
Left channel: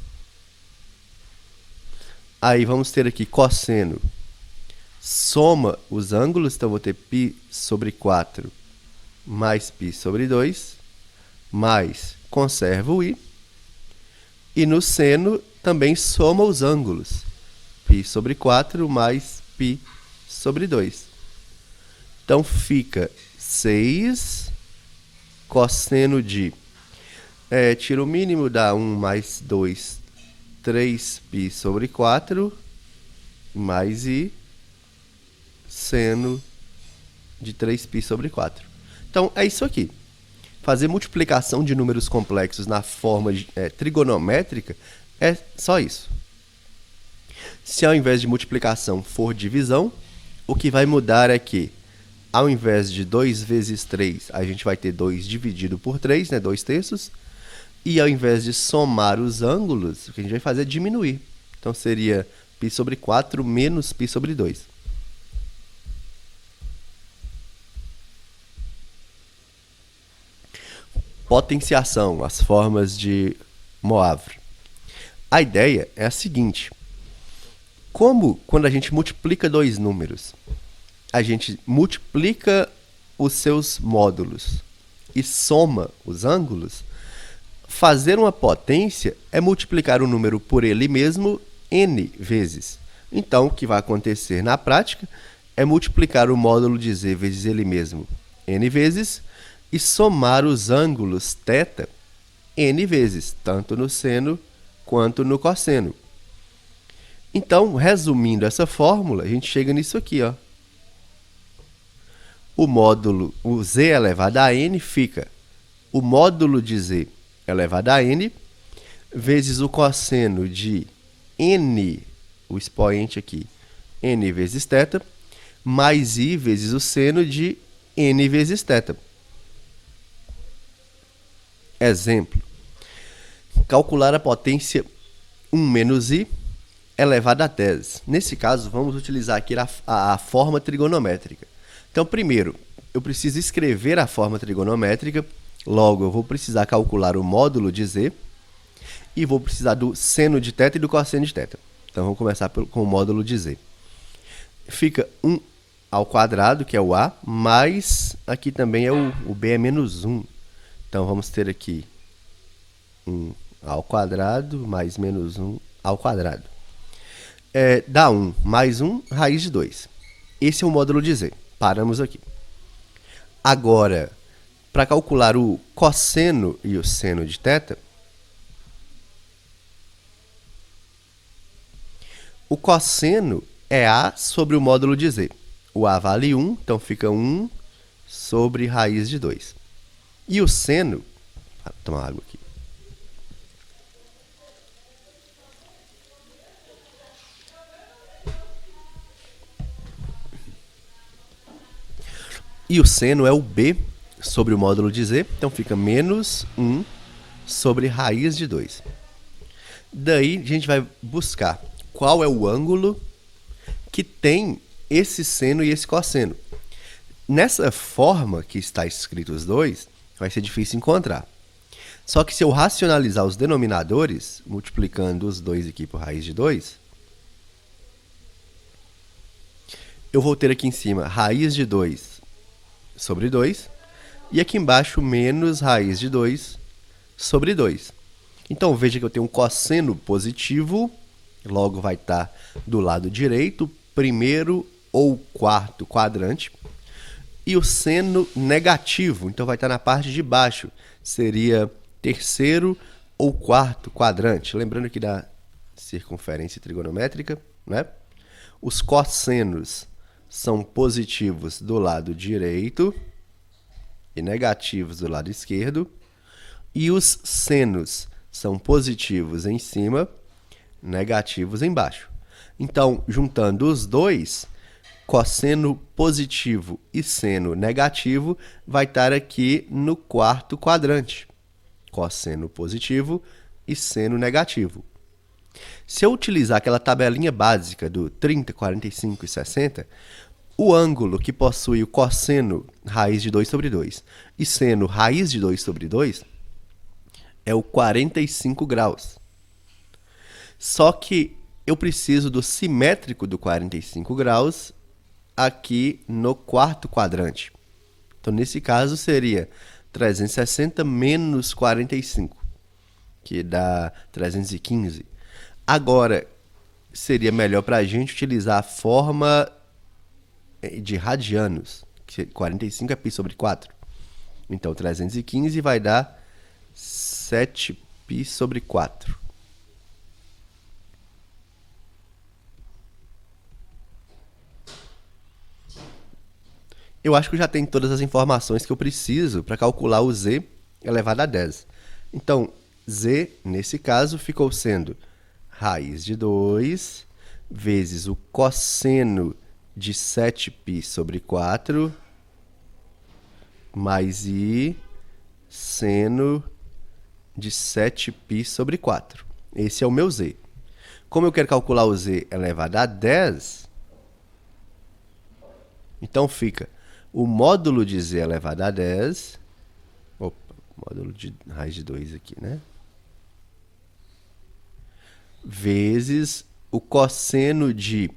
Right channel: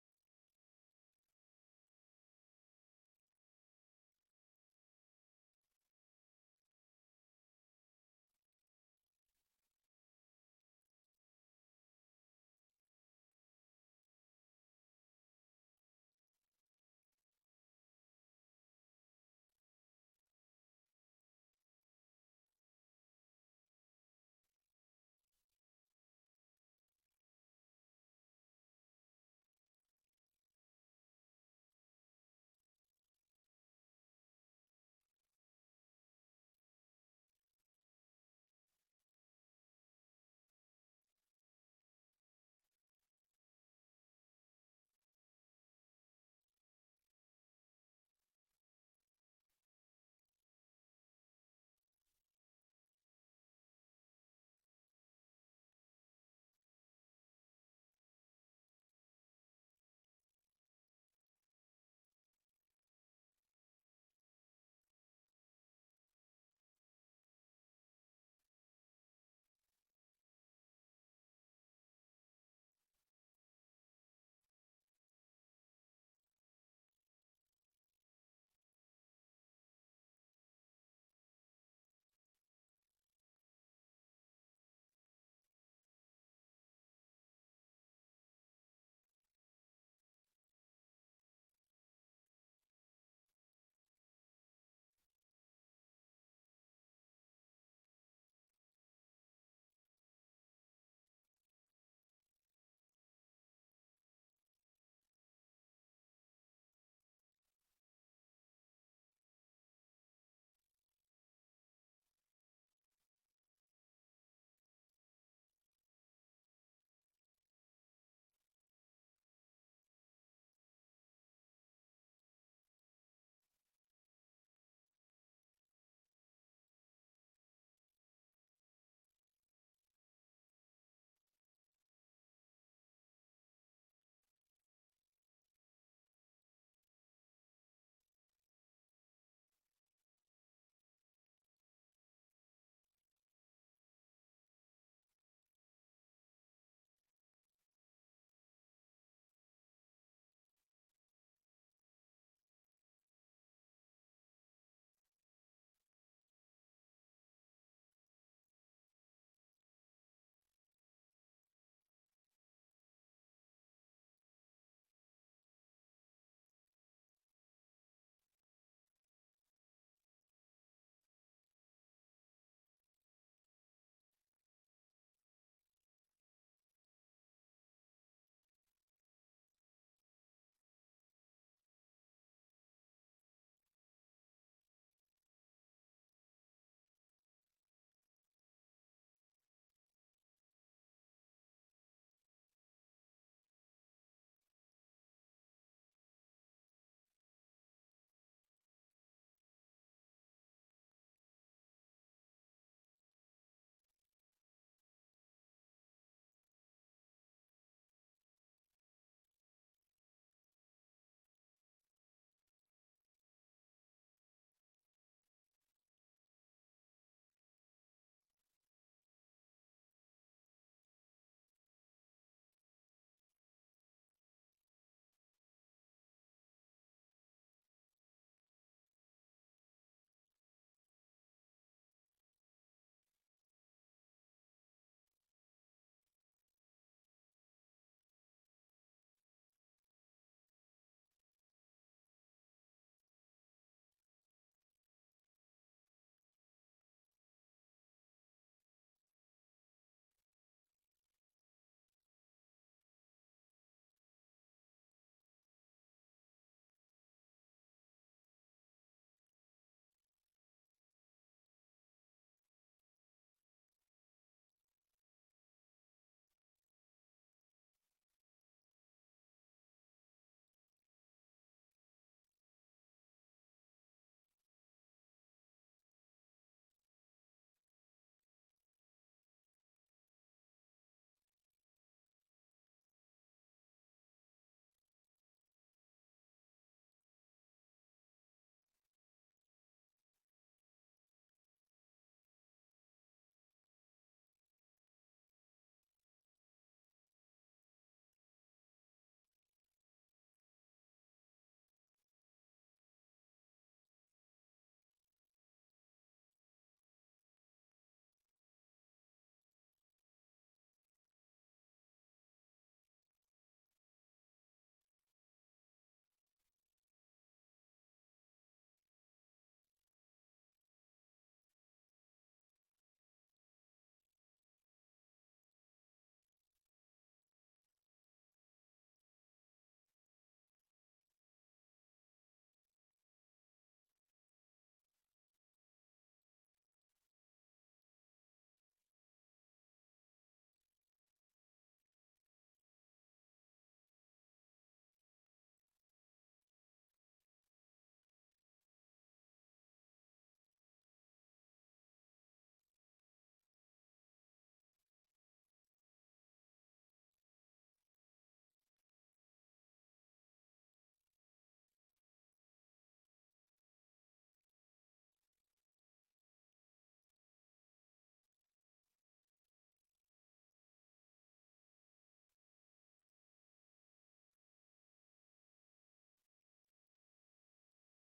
Aí vamos ter aqui cosseno. Soma os ângulos, então vou ter π sobre 4 mais π sobre 2, mais conserva o i. E no seno também soma os ângulos, π sobre 4 mais π sobre 2. Então fica 6 cosseno de... tira o mínimo, dá 1 mais 2, 3π sobre 4, mais i, seno de 3π sobre 4. Então, é isso aqui. Fazer multiplicação de números complexos na forma trigonométrica é só isso. Se ao invés de multiplicação for divisão, o que vai mudar é que, ao invés de 2 vezes 3, a gente vai ter 2 dividido por 3, né, 2 terços. E ao invés de somar os ângulos, o que a gente vai fazer é diminuir. Então, seria π sobre 4 menos π sobre 2. Potenciação, as formas de Moivre. A ideia é a seguinte. Como quando a gente multiplica dois números, a gente multiplica os seus módulos e soma os ângulos, fazer uma potência é multiplicar o número por ele mesmo n vezes. Então, o que vai acontecer na prática é multiplicar o módulo de z vezes ele mesmo n vezes e somar os ângulos θ n vezes, tanto no seno quanto no cosseno. Então, resumindo essa fórmula, a gente chega nisso aqui, ó. O módulo, o z elevado a n fica o módulo de z elevado a n vezes o cosseno de n, o expoente aqui, n vezes θ, mais i vezes o seno de n vezes θ. Exemplo. Calcular a potência 1 menos i elevado a 10. Nesse caso, vamos utilizar aqui a forma trigonométrica. Então, primeiro, eu preciso escrever a forma trigonométrica. Logo, eu vou precisar calcular o módulo de z e vou precisar do seno de θ e do cosseno de θ. Então, vamos começar com o módulo de z. Fica 1 ao quadrado, que é o a, mais aqui também é o b é menos 1. Então, vamos ter aqui 1 ao quadrado mais menos 1 ao quadrado. Dá 1 mais 1, raiz de 2. Esse é o módulo de z. Paramos aqui. Agora, para calcular o cosseno e o seno de θ, o cosseno é a sobre o módulo de z. O a vale 1, então fica 1 sobre raiz de 2. E o seno... Vou tomar água aqui. E o seno é o b sobre o módulo de z, então fica menos 1 sobre raiz de 2. Daí, a gente vai buscar qual é o ângulo que tem esse seno e esse cosseno. Nessa forma que está escrito os dois, vai ser difícil encontrar. Só que se eu racionalizar os denominadores, multiplicando os dois aqui por raiz de 2, eu vou ter aqui em cima raiz de 2 sobre 2, e aqui embaixo menos raiz de 2 sobre 2. Então, veja que eu tenho um cosseno positivo, logo vai estar do lado direito, primeiro ou quarto quadrante, e o seno negativo, então vai estar na parte de baixo, seria terceiro ou quarto quadrante. Lembrando aqui da circunferência trigonométrica, né? Os cossenos são positivos do lado direito e negativos do lado esquerdo, e os senos são positivos em cima, negativos embaixo. Então, juntando os dois, cosseno positivo e seno negativo vai estar aqui no quarto quadrante. Cosseno positivo e seno negativo. Se eu utilizar aquela tabelinha básica do 30, 45 e 60, o ângulo que possui o cosseno raiz de 2 sobre 2 e seno raiz de 2 sobre 2 é o 45 graus. Só que eu preciso do simétrico do 45 graus aqui no quarto quadrante. Então, nesse caso, seria 360 menos 45, que dá 315. Agora, seria melhor para a gente utilizar a forma de radianos, que 45 é π sobre 4. Então, 315 vai dar 7π sobre 4. Eu acho que eu já tenho todas as informações que eu preciso para calcular o z elevado a 10. Então, z, nesse caso, ficou sendo raiz de 2 vezes o cosseno de 7π sobre 4 mais i seno de 7π sobre 4. Esse é o meu z. Como eu quero calcular o z elevado a 10, então fica o módulo de z elevado a 10, módulo de raiz de 2 aqui, né? Vezes o cosseno de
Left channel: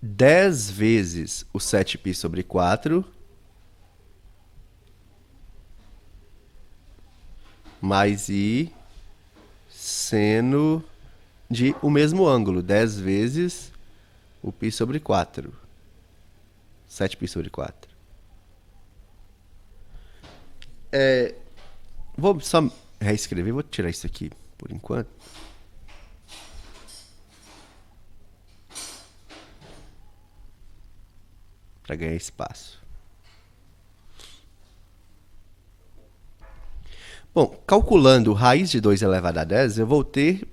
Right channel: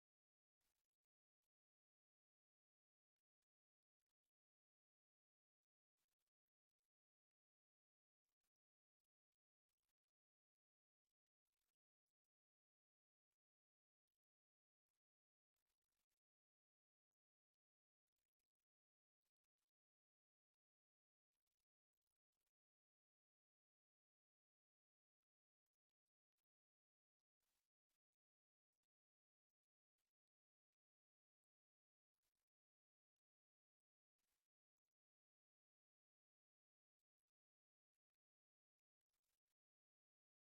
10 vezes o 7π sobre 4 mais i seno de o mesmo ângulo, 10 vezes o π sobre 4. 7π sobre 4. Vou só reescrever, vou tirar isso aqui por enquanto. Para ganhar espaço. Bom, calculando raiz de 2 elevado a 10, eu vou ter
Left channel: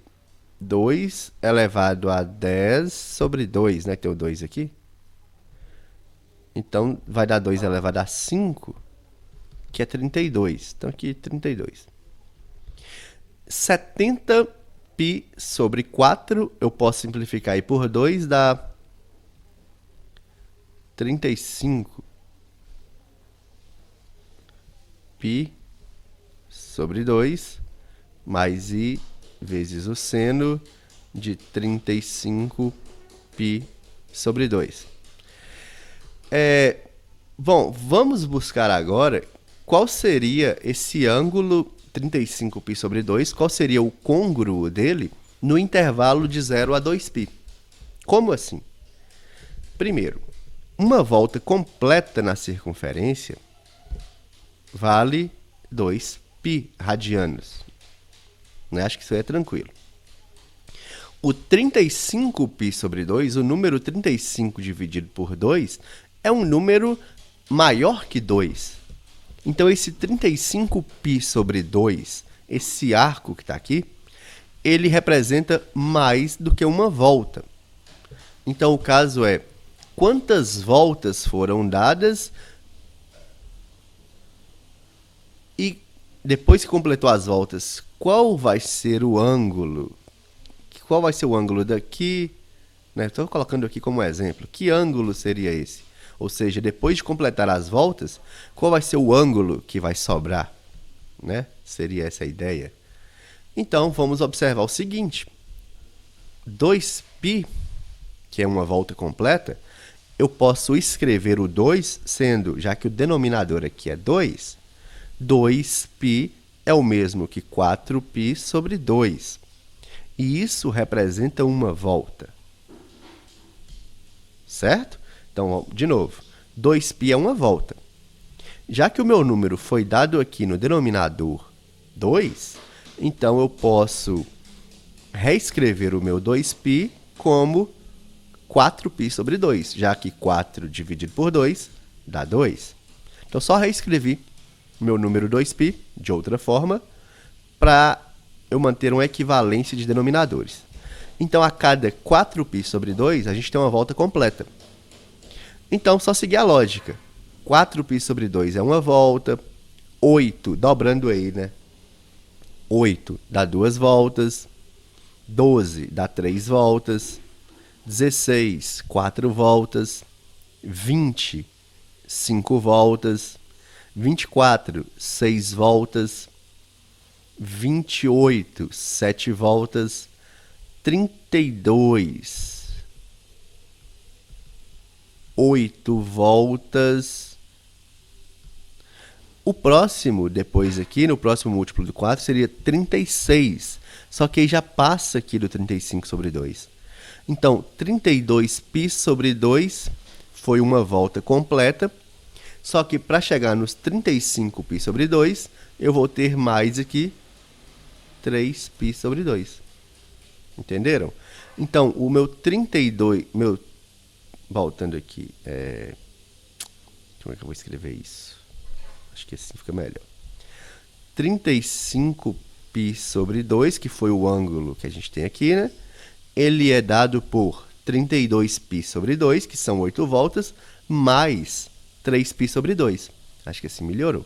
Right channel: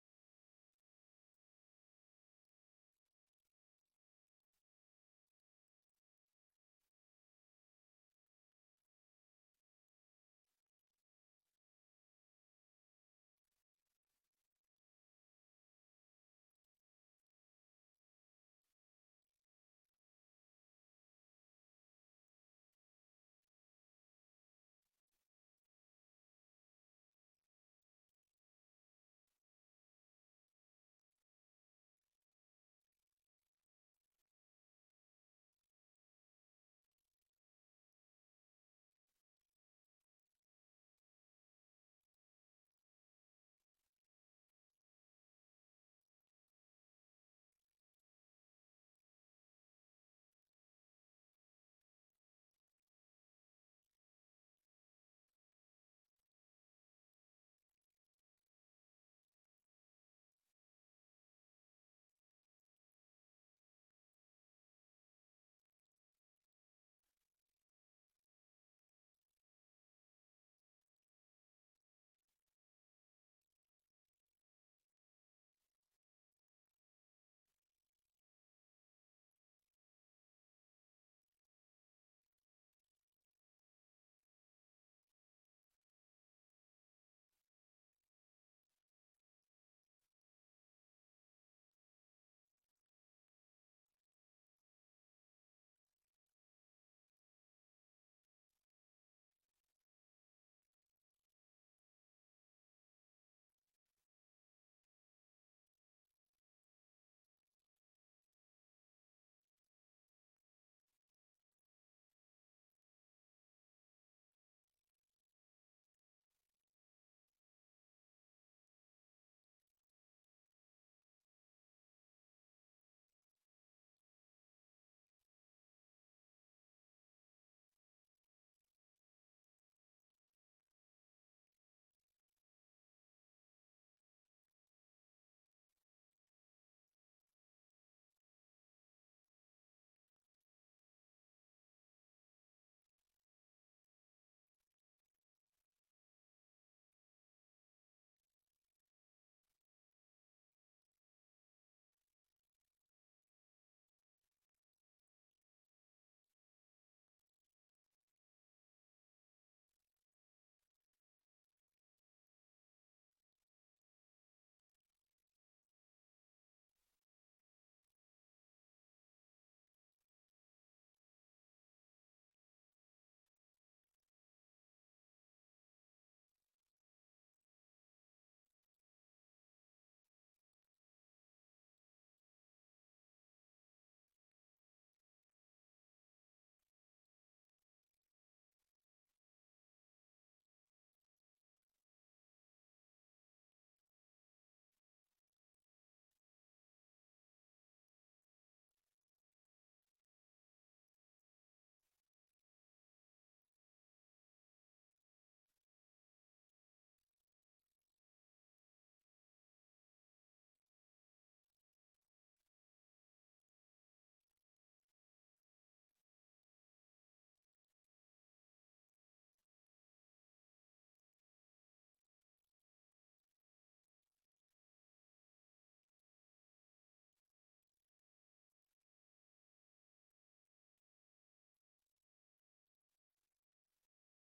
2 elevado a 10 sobre 2, né? Tem o 2 aqui. Então, vai dar 2 elevado a 5, que é 32. Então, aqui, 32. 70π sobre 4, eu posso simplificar aí por 2, dá 35 π sobre 2, mais i vezes o seno de 35 π sobre 2. Bom, vamos buscar agora qual seria esse ângulo 35π sobre 2, qual seria o côngruo dele no intervalo de 0 a 2π. Como assim? Primeiro, uma volta completa na circunferência vale 2π radianos. Né? Acho que isso aí é tranquilo. O 35π sobre 2, o número 35 dividido por 2, é um número maior que 2. Então, esse 35π sobre 2, esse arco que está aqui, ele representa mais do que uma volta. Então, o caso é, quantas voltas foram dadas e depois que completou as voltas, qual vai ser o ângulo? Qual vai ser o ângulo daqui? Estou colocando aqui como exemplo. Que ângulo seria esse? Ou seja, depois de completar as voltas, qual vai ser o ângulo que vai sobrar? Seria essa a ideia. Então, vamos observar o seguinte. 2π, que é uma volta completa, eu posso escrever o 2 sendo, já que o denominador aqui é 2, 2π é o mesmo que 4π sobre 2. E isso representa uma volta. Certo? Então, de novo, 2π é uma volta. Já que o meu número foi dado aqui no denominador 2, então eu posso reescrever o meu 2π como 4π sobre 2, já que 4 dividido por 2 dá 2. Então, só reescrevi meu número 2π, de outra forma, para eu manter uma equivalência de denominadores. Então, a cada 4π sobre 2, a gente tem uma volta completa. Então, só seguir a lógica. 4π sobre 2 é uma volta, 8, dobrando aí, né? 8 dá 2 voltas, 12 dá 3 voltas, 16, 4 voltas, 20, 5 voltas, 24, 6 voltas, 28, 7 voltas, 32, 8 voltas. O próximo, depois aqui, no próximo múltiplo do 4, seria 36. Só que aí já passa aqui do 35 sobre 2. Então, 32π sobre 2 foi uma volta completa. Só que para chegar nos 35π sobre 2, eu vou ter mais aqui 3π sobre 2. Entenderam? Então, o meu 32... voltando aqui. Como é que eu vou escrever isso? Acho que assim fica melhor. 35π sobre 2, que foi o ângulo que a gente tem aqui, né? Ele é dado por 32π sobre 2, que são 8 voltas, mais 3π sobre 2. Acho que assim melhorou.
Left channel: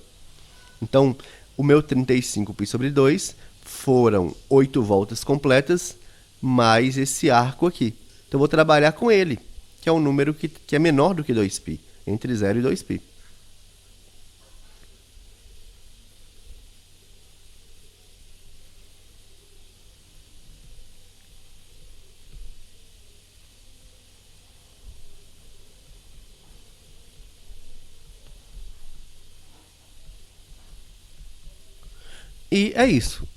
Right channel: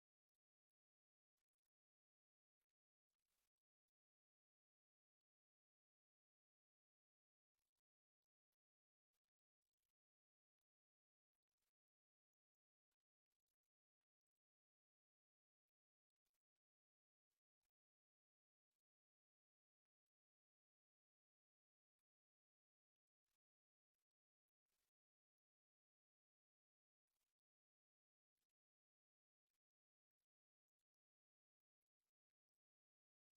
Então, o meu 35π sobre 2 foram 8 voltas completas, mais esse arco aqui. Então, eu vou trabalhar com ele, que é um número que é menor do que 2π, entre 0 e 2π. E é isso.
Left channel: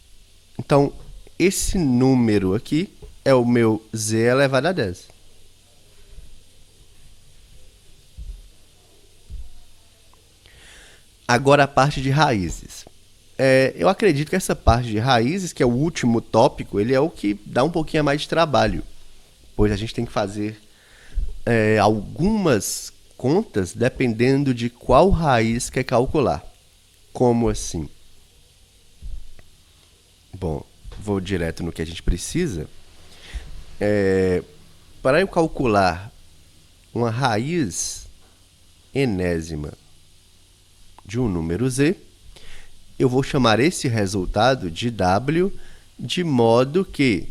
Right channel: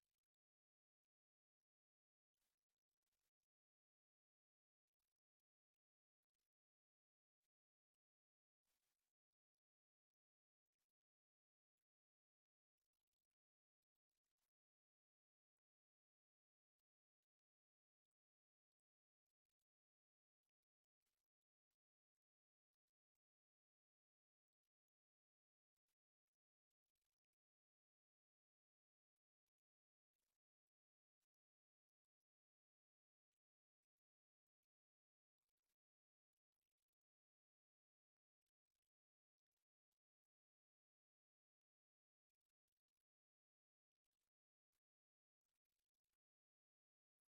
Então, esse número aqui é o meu z elevado a 10. Agora a parte de raízes. Eu acredito que essa parte de raízes, que é o último tópico, ele é o que dá um pouquinho mais de trabalho, pois a gente tem que fazer algumas contas dependendo de qual raiz quer calcular. Como assim? Bom, vou direto no que a gente precisa. Para eu calcular uma raiz enésima de um número z, eu vou chamar esse resultado de w, de modo que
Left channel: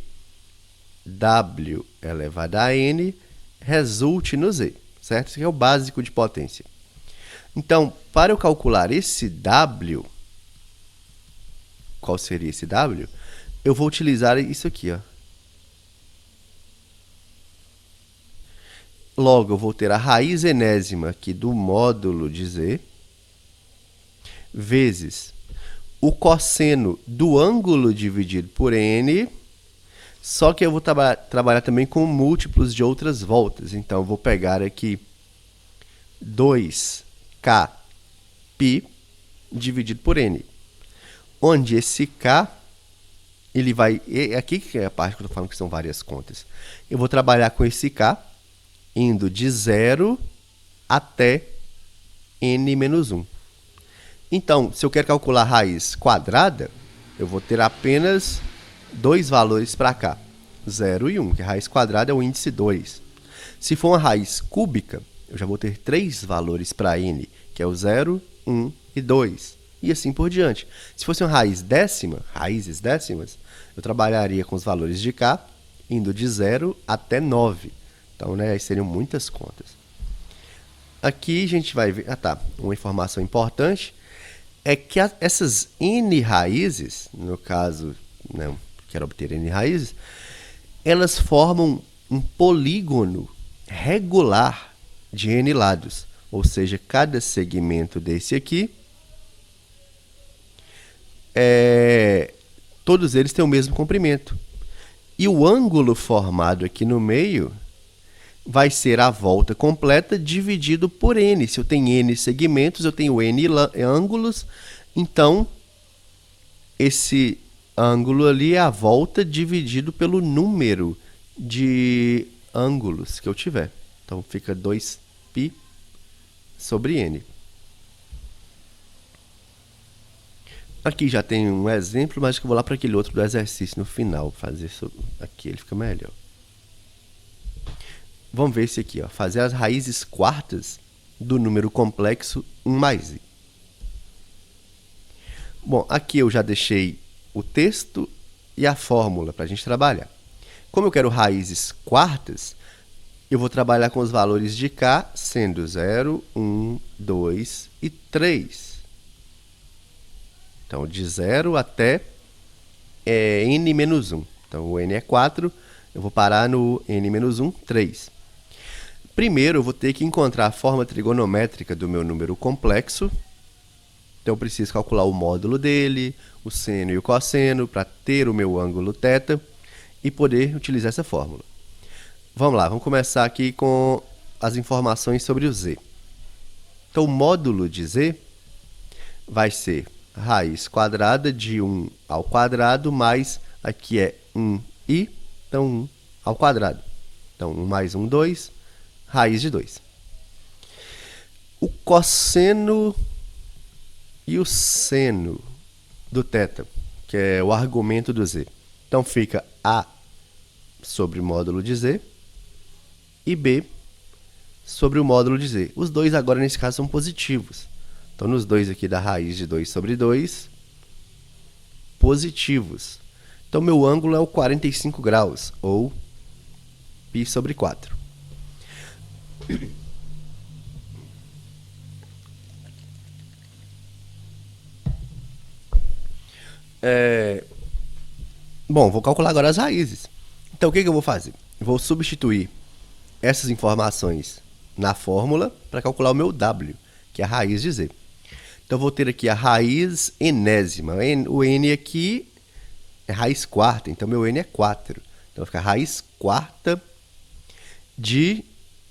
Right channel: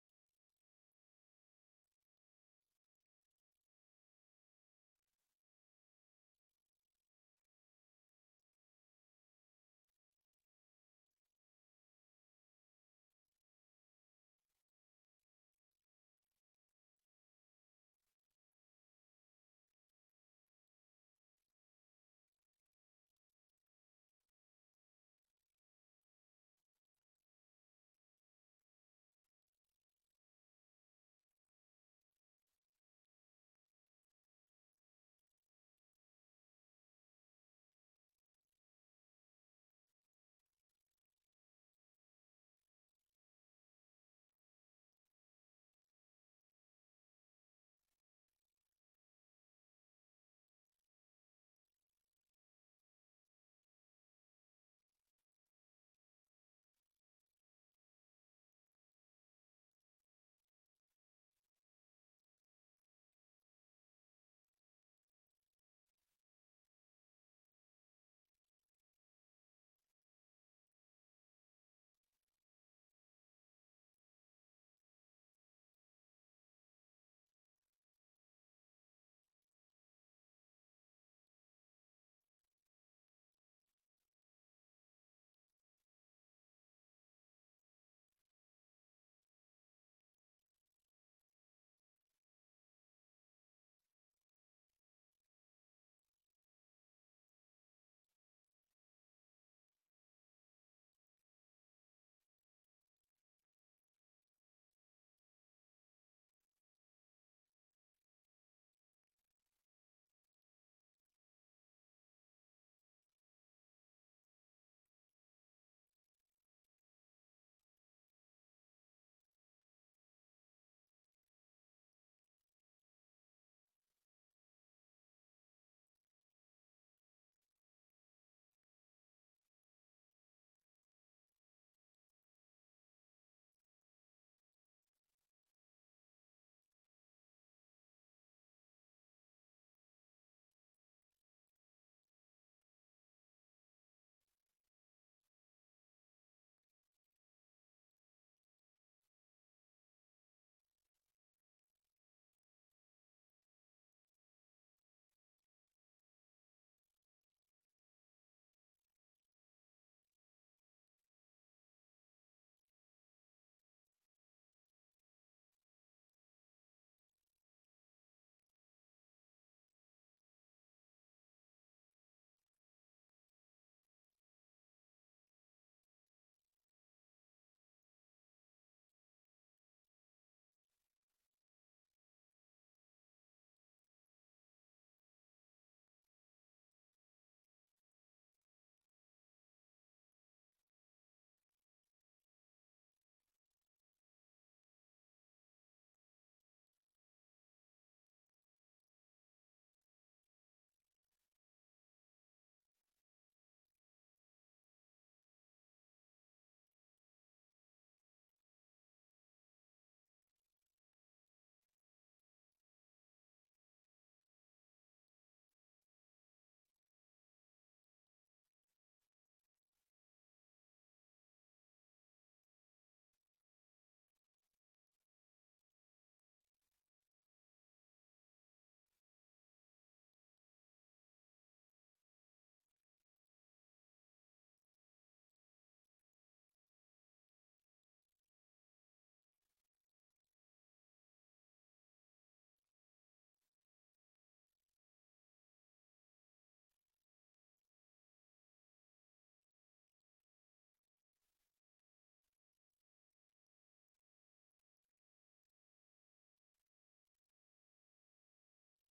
w elevado a n resulte no z, certo? Isso aqui é o básico de potência. Então, para eu calcular esse w, qual seria esse w? Eu vou utilizar isso aqui, ó. Logo, eu vou ter a raiz enésima aqui do módulo de z, vezes o cosseno do ângulo dividido por n, só que eu vou trabalhar também com múltiplos de outras voltas. Então, eu vou pegar aqui 2k π dividido por n, onde esse k, ele vai... Aqui que é a parte que eu estou falando que são várias contas. Eu vou trabalhar com esse k, indo de 0 até n menos 1. Então, se eu quero calcular a raiz quadrada, eu vou ter apenas dois valores para cá, 0 e 1, que a raiz quadrada é o índice 2. Se for uma raiz cúbica, eu já vou ter três valores para n, que é o 0, 1 e 2, e assim por diante. Se fosse uma raiz décima, raízes décimas, eu trabalharia com os valores de k, indo de 0 até 9. Então, né, aí seriam muitas contas. Aqui a gente vai ver... uma informação importante é que essas n raízes, no caso, né, quero obter n raízes, elas formam um polígono regular de n lados. Ou seja, cada segmento desse aqui, todos eles têm o mesmo comprimento. E o ângulo formado aqui no meio vai ser a volta completa dividido por n. Se eu tenho n segmentos, eu tenho n ângulos, então esse ângulo ali é a volta dividido pelo número de ângulos que eu tiver. Então, fica 2π sobre n. Aqui já tem um exemplo, mas que eu vou lá para aquele outro do exercício no final. Fazer isso aqui, ele fica melhor. Vamos ver esse aqui, ó. Fazer as raízes quartas do número complexo 1 mais i. Bom, aqui eu já deixei o texto e a fórmula para a gente trabalhar. Como eu quero raízes quartas, eu vou trabalhar com os valores de k sendo 0, 1, 2 e 3. Então, de 0 até n menos 1. Então, o n é 4, eu vou parar no n menos 1, 3. Primeiro, eu vou ter que encontrar a forma trigonométrica do meu número complexo. Então, eu preciso calcular o módulo dele, o seno e o cosseno, para ter o meu ângulo θ e poder utilizar essa fórmula. Vamos lá, vamos começar aqui com as informações sobre o z. Então, o módulo de z vai ser raiz quadrada de 1 ao quadrado, mais aqui é 1i, então 1 ao quadrado. Então, 1 mais 1, 2, raiz de 2. O cosseno e o seno do θ, que é o argumento do z. Então, fica a sobre o módulo de z e b sobre o módulo de z. Os dois agora, nesse caso, são positivos. Então, nos dois aqui da raiz de 2 sobre 2, positivos. Então, meu ângulo é o 45 graus, ou π sobre 4. Bom, vou calcular agora as raízes. Então, o que eu vou fazer? Vou substituir essas informações na fórmula para calcular o meu w, que é a raiz de z. Então, vou ter aqui a raiz enésima. O n aqui é raiz quarta, então meu n é 4. Então, fica a raiz quarta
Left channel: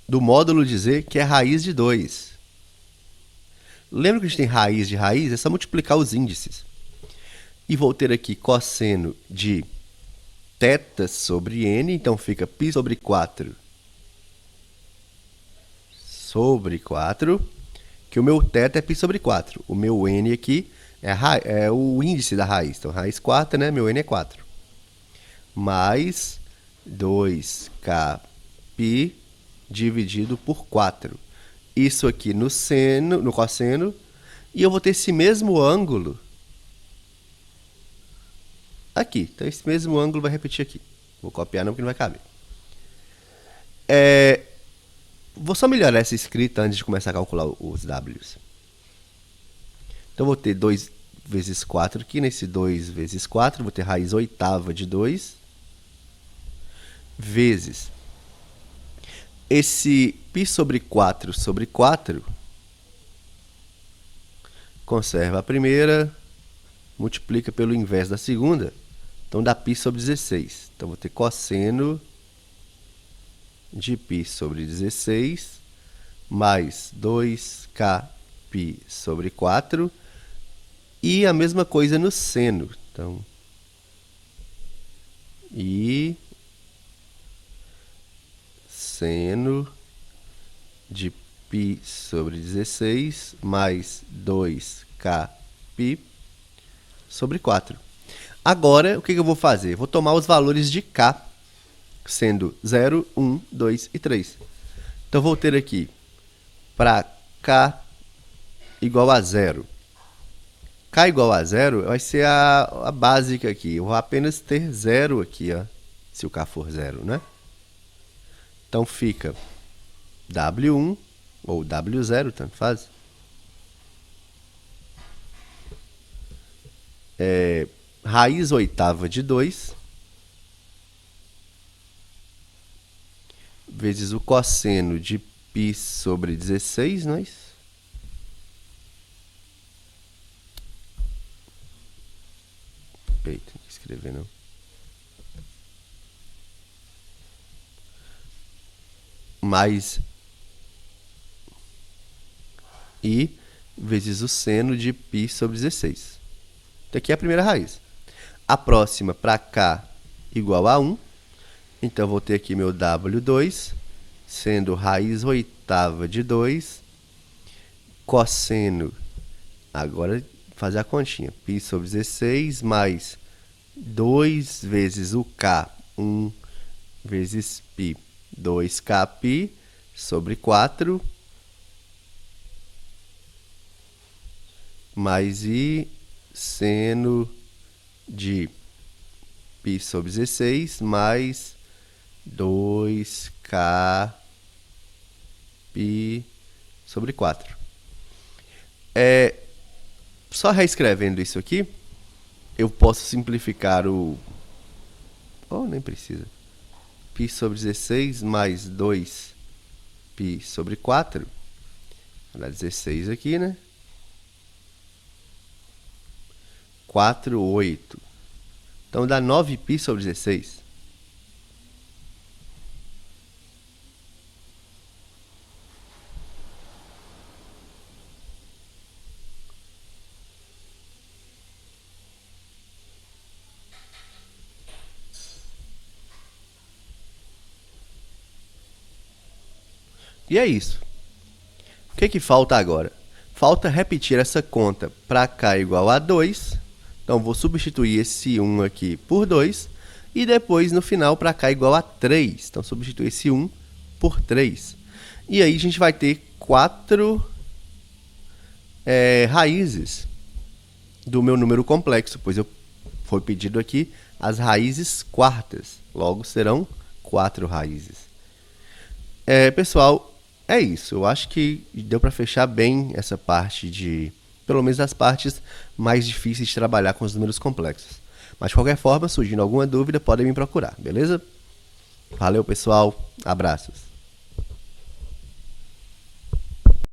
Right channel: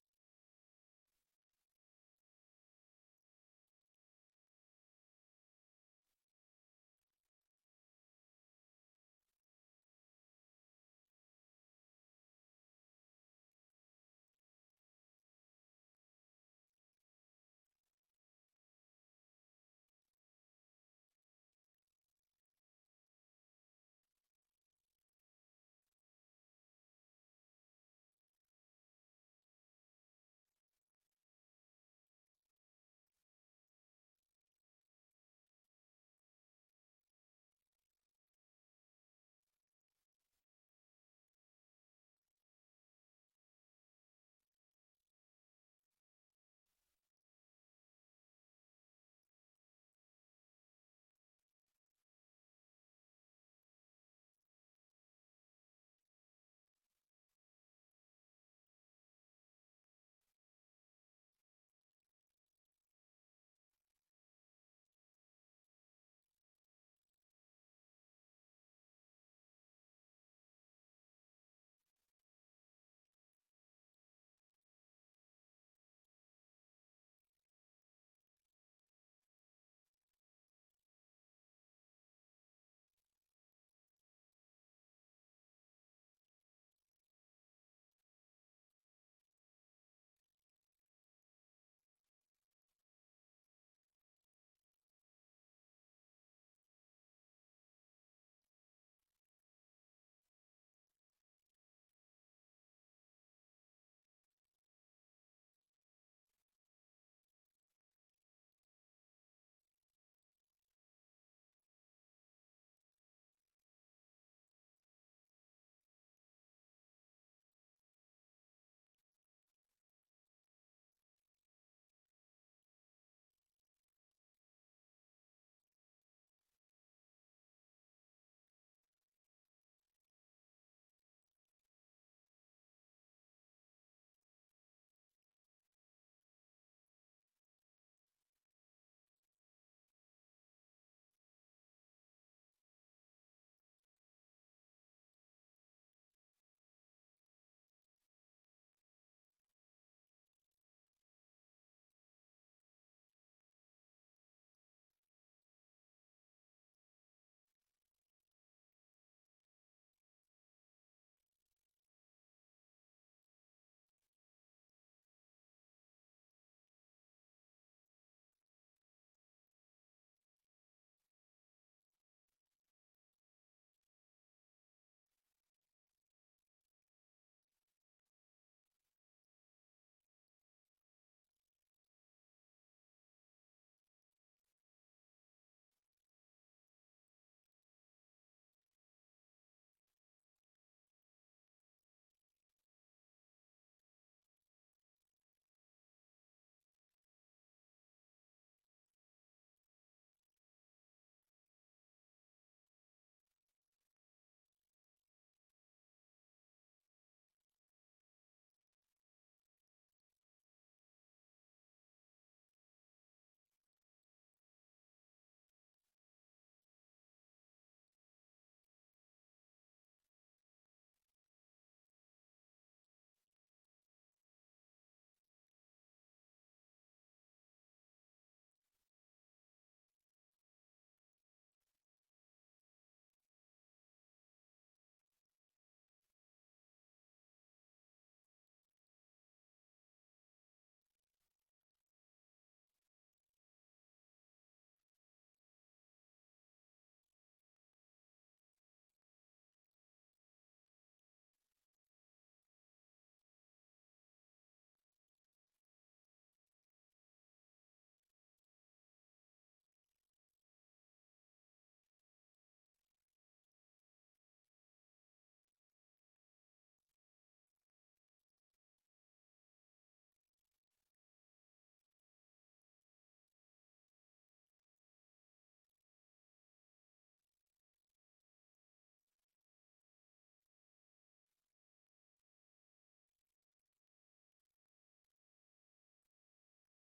do módulo de z, que é a raiz de 2. Lembra que a gente tem raiz de raiz? É só multiplicar os índices. E vou ter aqui cosseno de θ sobre n, então fica π sobre 4 sobre 4, que o meu θ é π sobre 4. O meu n aqui é o índice da raiz, então raiz quarta, né? Meu n é 4. Mais 2k π dividido por 4. Isso aqui no cosseno, e eu vou ter esse mesmo ângulo aqui. Então, esse mesmo ângulo vai repetir aqui. Vou copiar não, porque não vai caber. Vou só melhorar essa escrita antes de começar a calcular os w's. Então, vou ter 2 vezes 4 aqui. Nesse 2 vezes 4, vou ter raiz oitava de 2. Vezes esse π sobre 4 sobre 4. Conserva a primeira. Multiplica pelo inverso da segunda. Então, dá π sobre 16. Então, vou ter cosseno de π sobre 16 mais 2k π sobre 4. E a mesma coisa no seno. Então, e seno de π sobre 16 mais 2k π sobre 4. Agora, o que eu vou fazer? Vou tomar os valores de k, sendo 0, 1, 2 e 3. Então, vou ter aqui, para k igual a 0. K igual a 0 vai ser a básica aqui. Eu vou apenas ter 0 aqui, ó, se o k for 0, né? Então, fica W1 ou W0, tanto faz. Raiz oitava de 2 vezes o cosseno de π sobre 16, não é isso? Eita, não escrever não. Mais i vezes o seno de π sobre 16. Então, aqui é a primeira raiz. A próxima, para k igual a 1. Então, vou ter aqui meu W2, sendo raiz oitava de 2, cosseno, agora fazer a continha. Π sobre 16 mais 2 vezes o K, 1 vezes π, 2kπ sobre 4, mais I seno de π sobre 16 mais 2kπ sobre 4. Só reescrevendo isso aqui, eu posso simplificar o... nem precisa. Π sobre 16 mais 2π sobre 4. Vou dar 16 aqui, né? 4, 8. Então, dá 9π sobre 16. E é isso. O que falta agora? Falta repetir essa conta para k igual a 2. Então, vou substituir esse 1 aqui por 2. E depois, no final, para k igual a 3. Então, substituir esse 1 por 3. E aí, a gente vai ter 4 raízes do meu número complexo, pois foi pedido aqui as raízes quartas. Logo, serão 4 raízes. Pessoal, é isso. Eu acho que deu para fechar bem essa parte pelo menos as partes mais difíceis de trabalhar com os números complexos. Mas, de qualquer forma, surgindo alguma dúvida, podem me procurar, beleza? Valeu, pessoal. Abraços.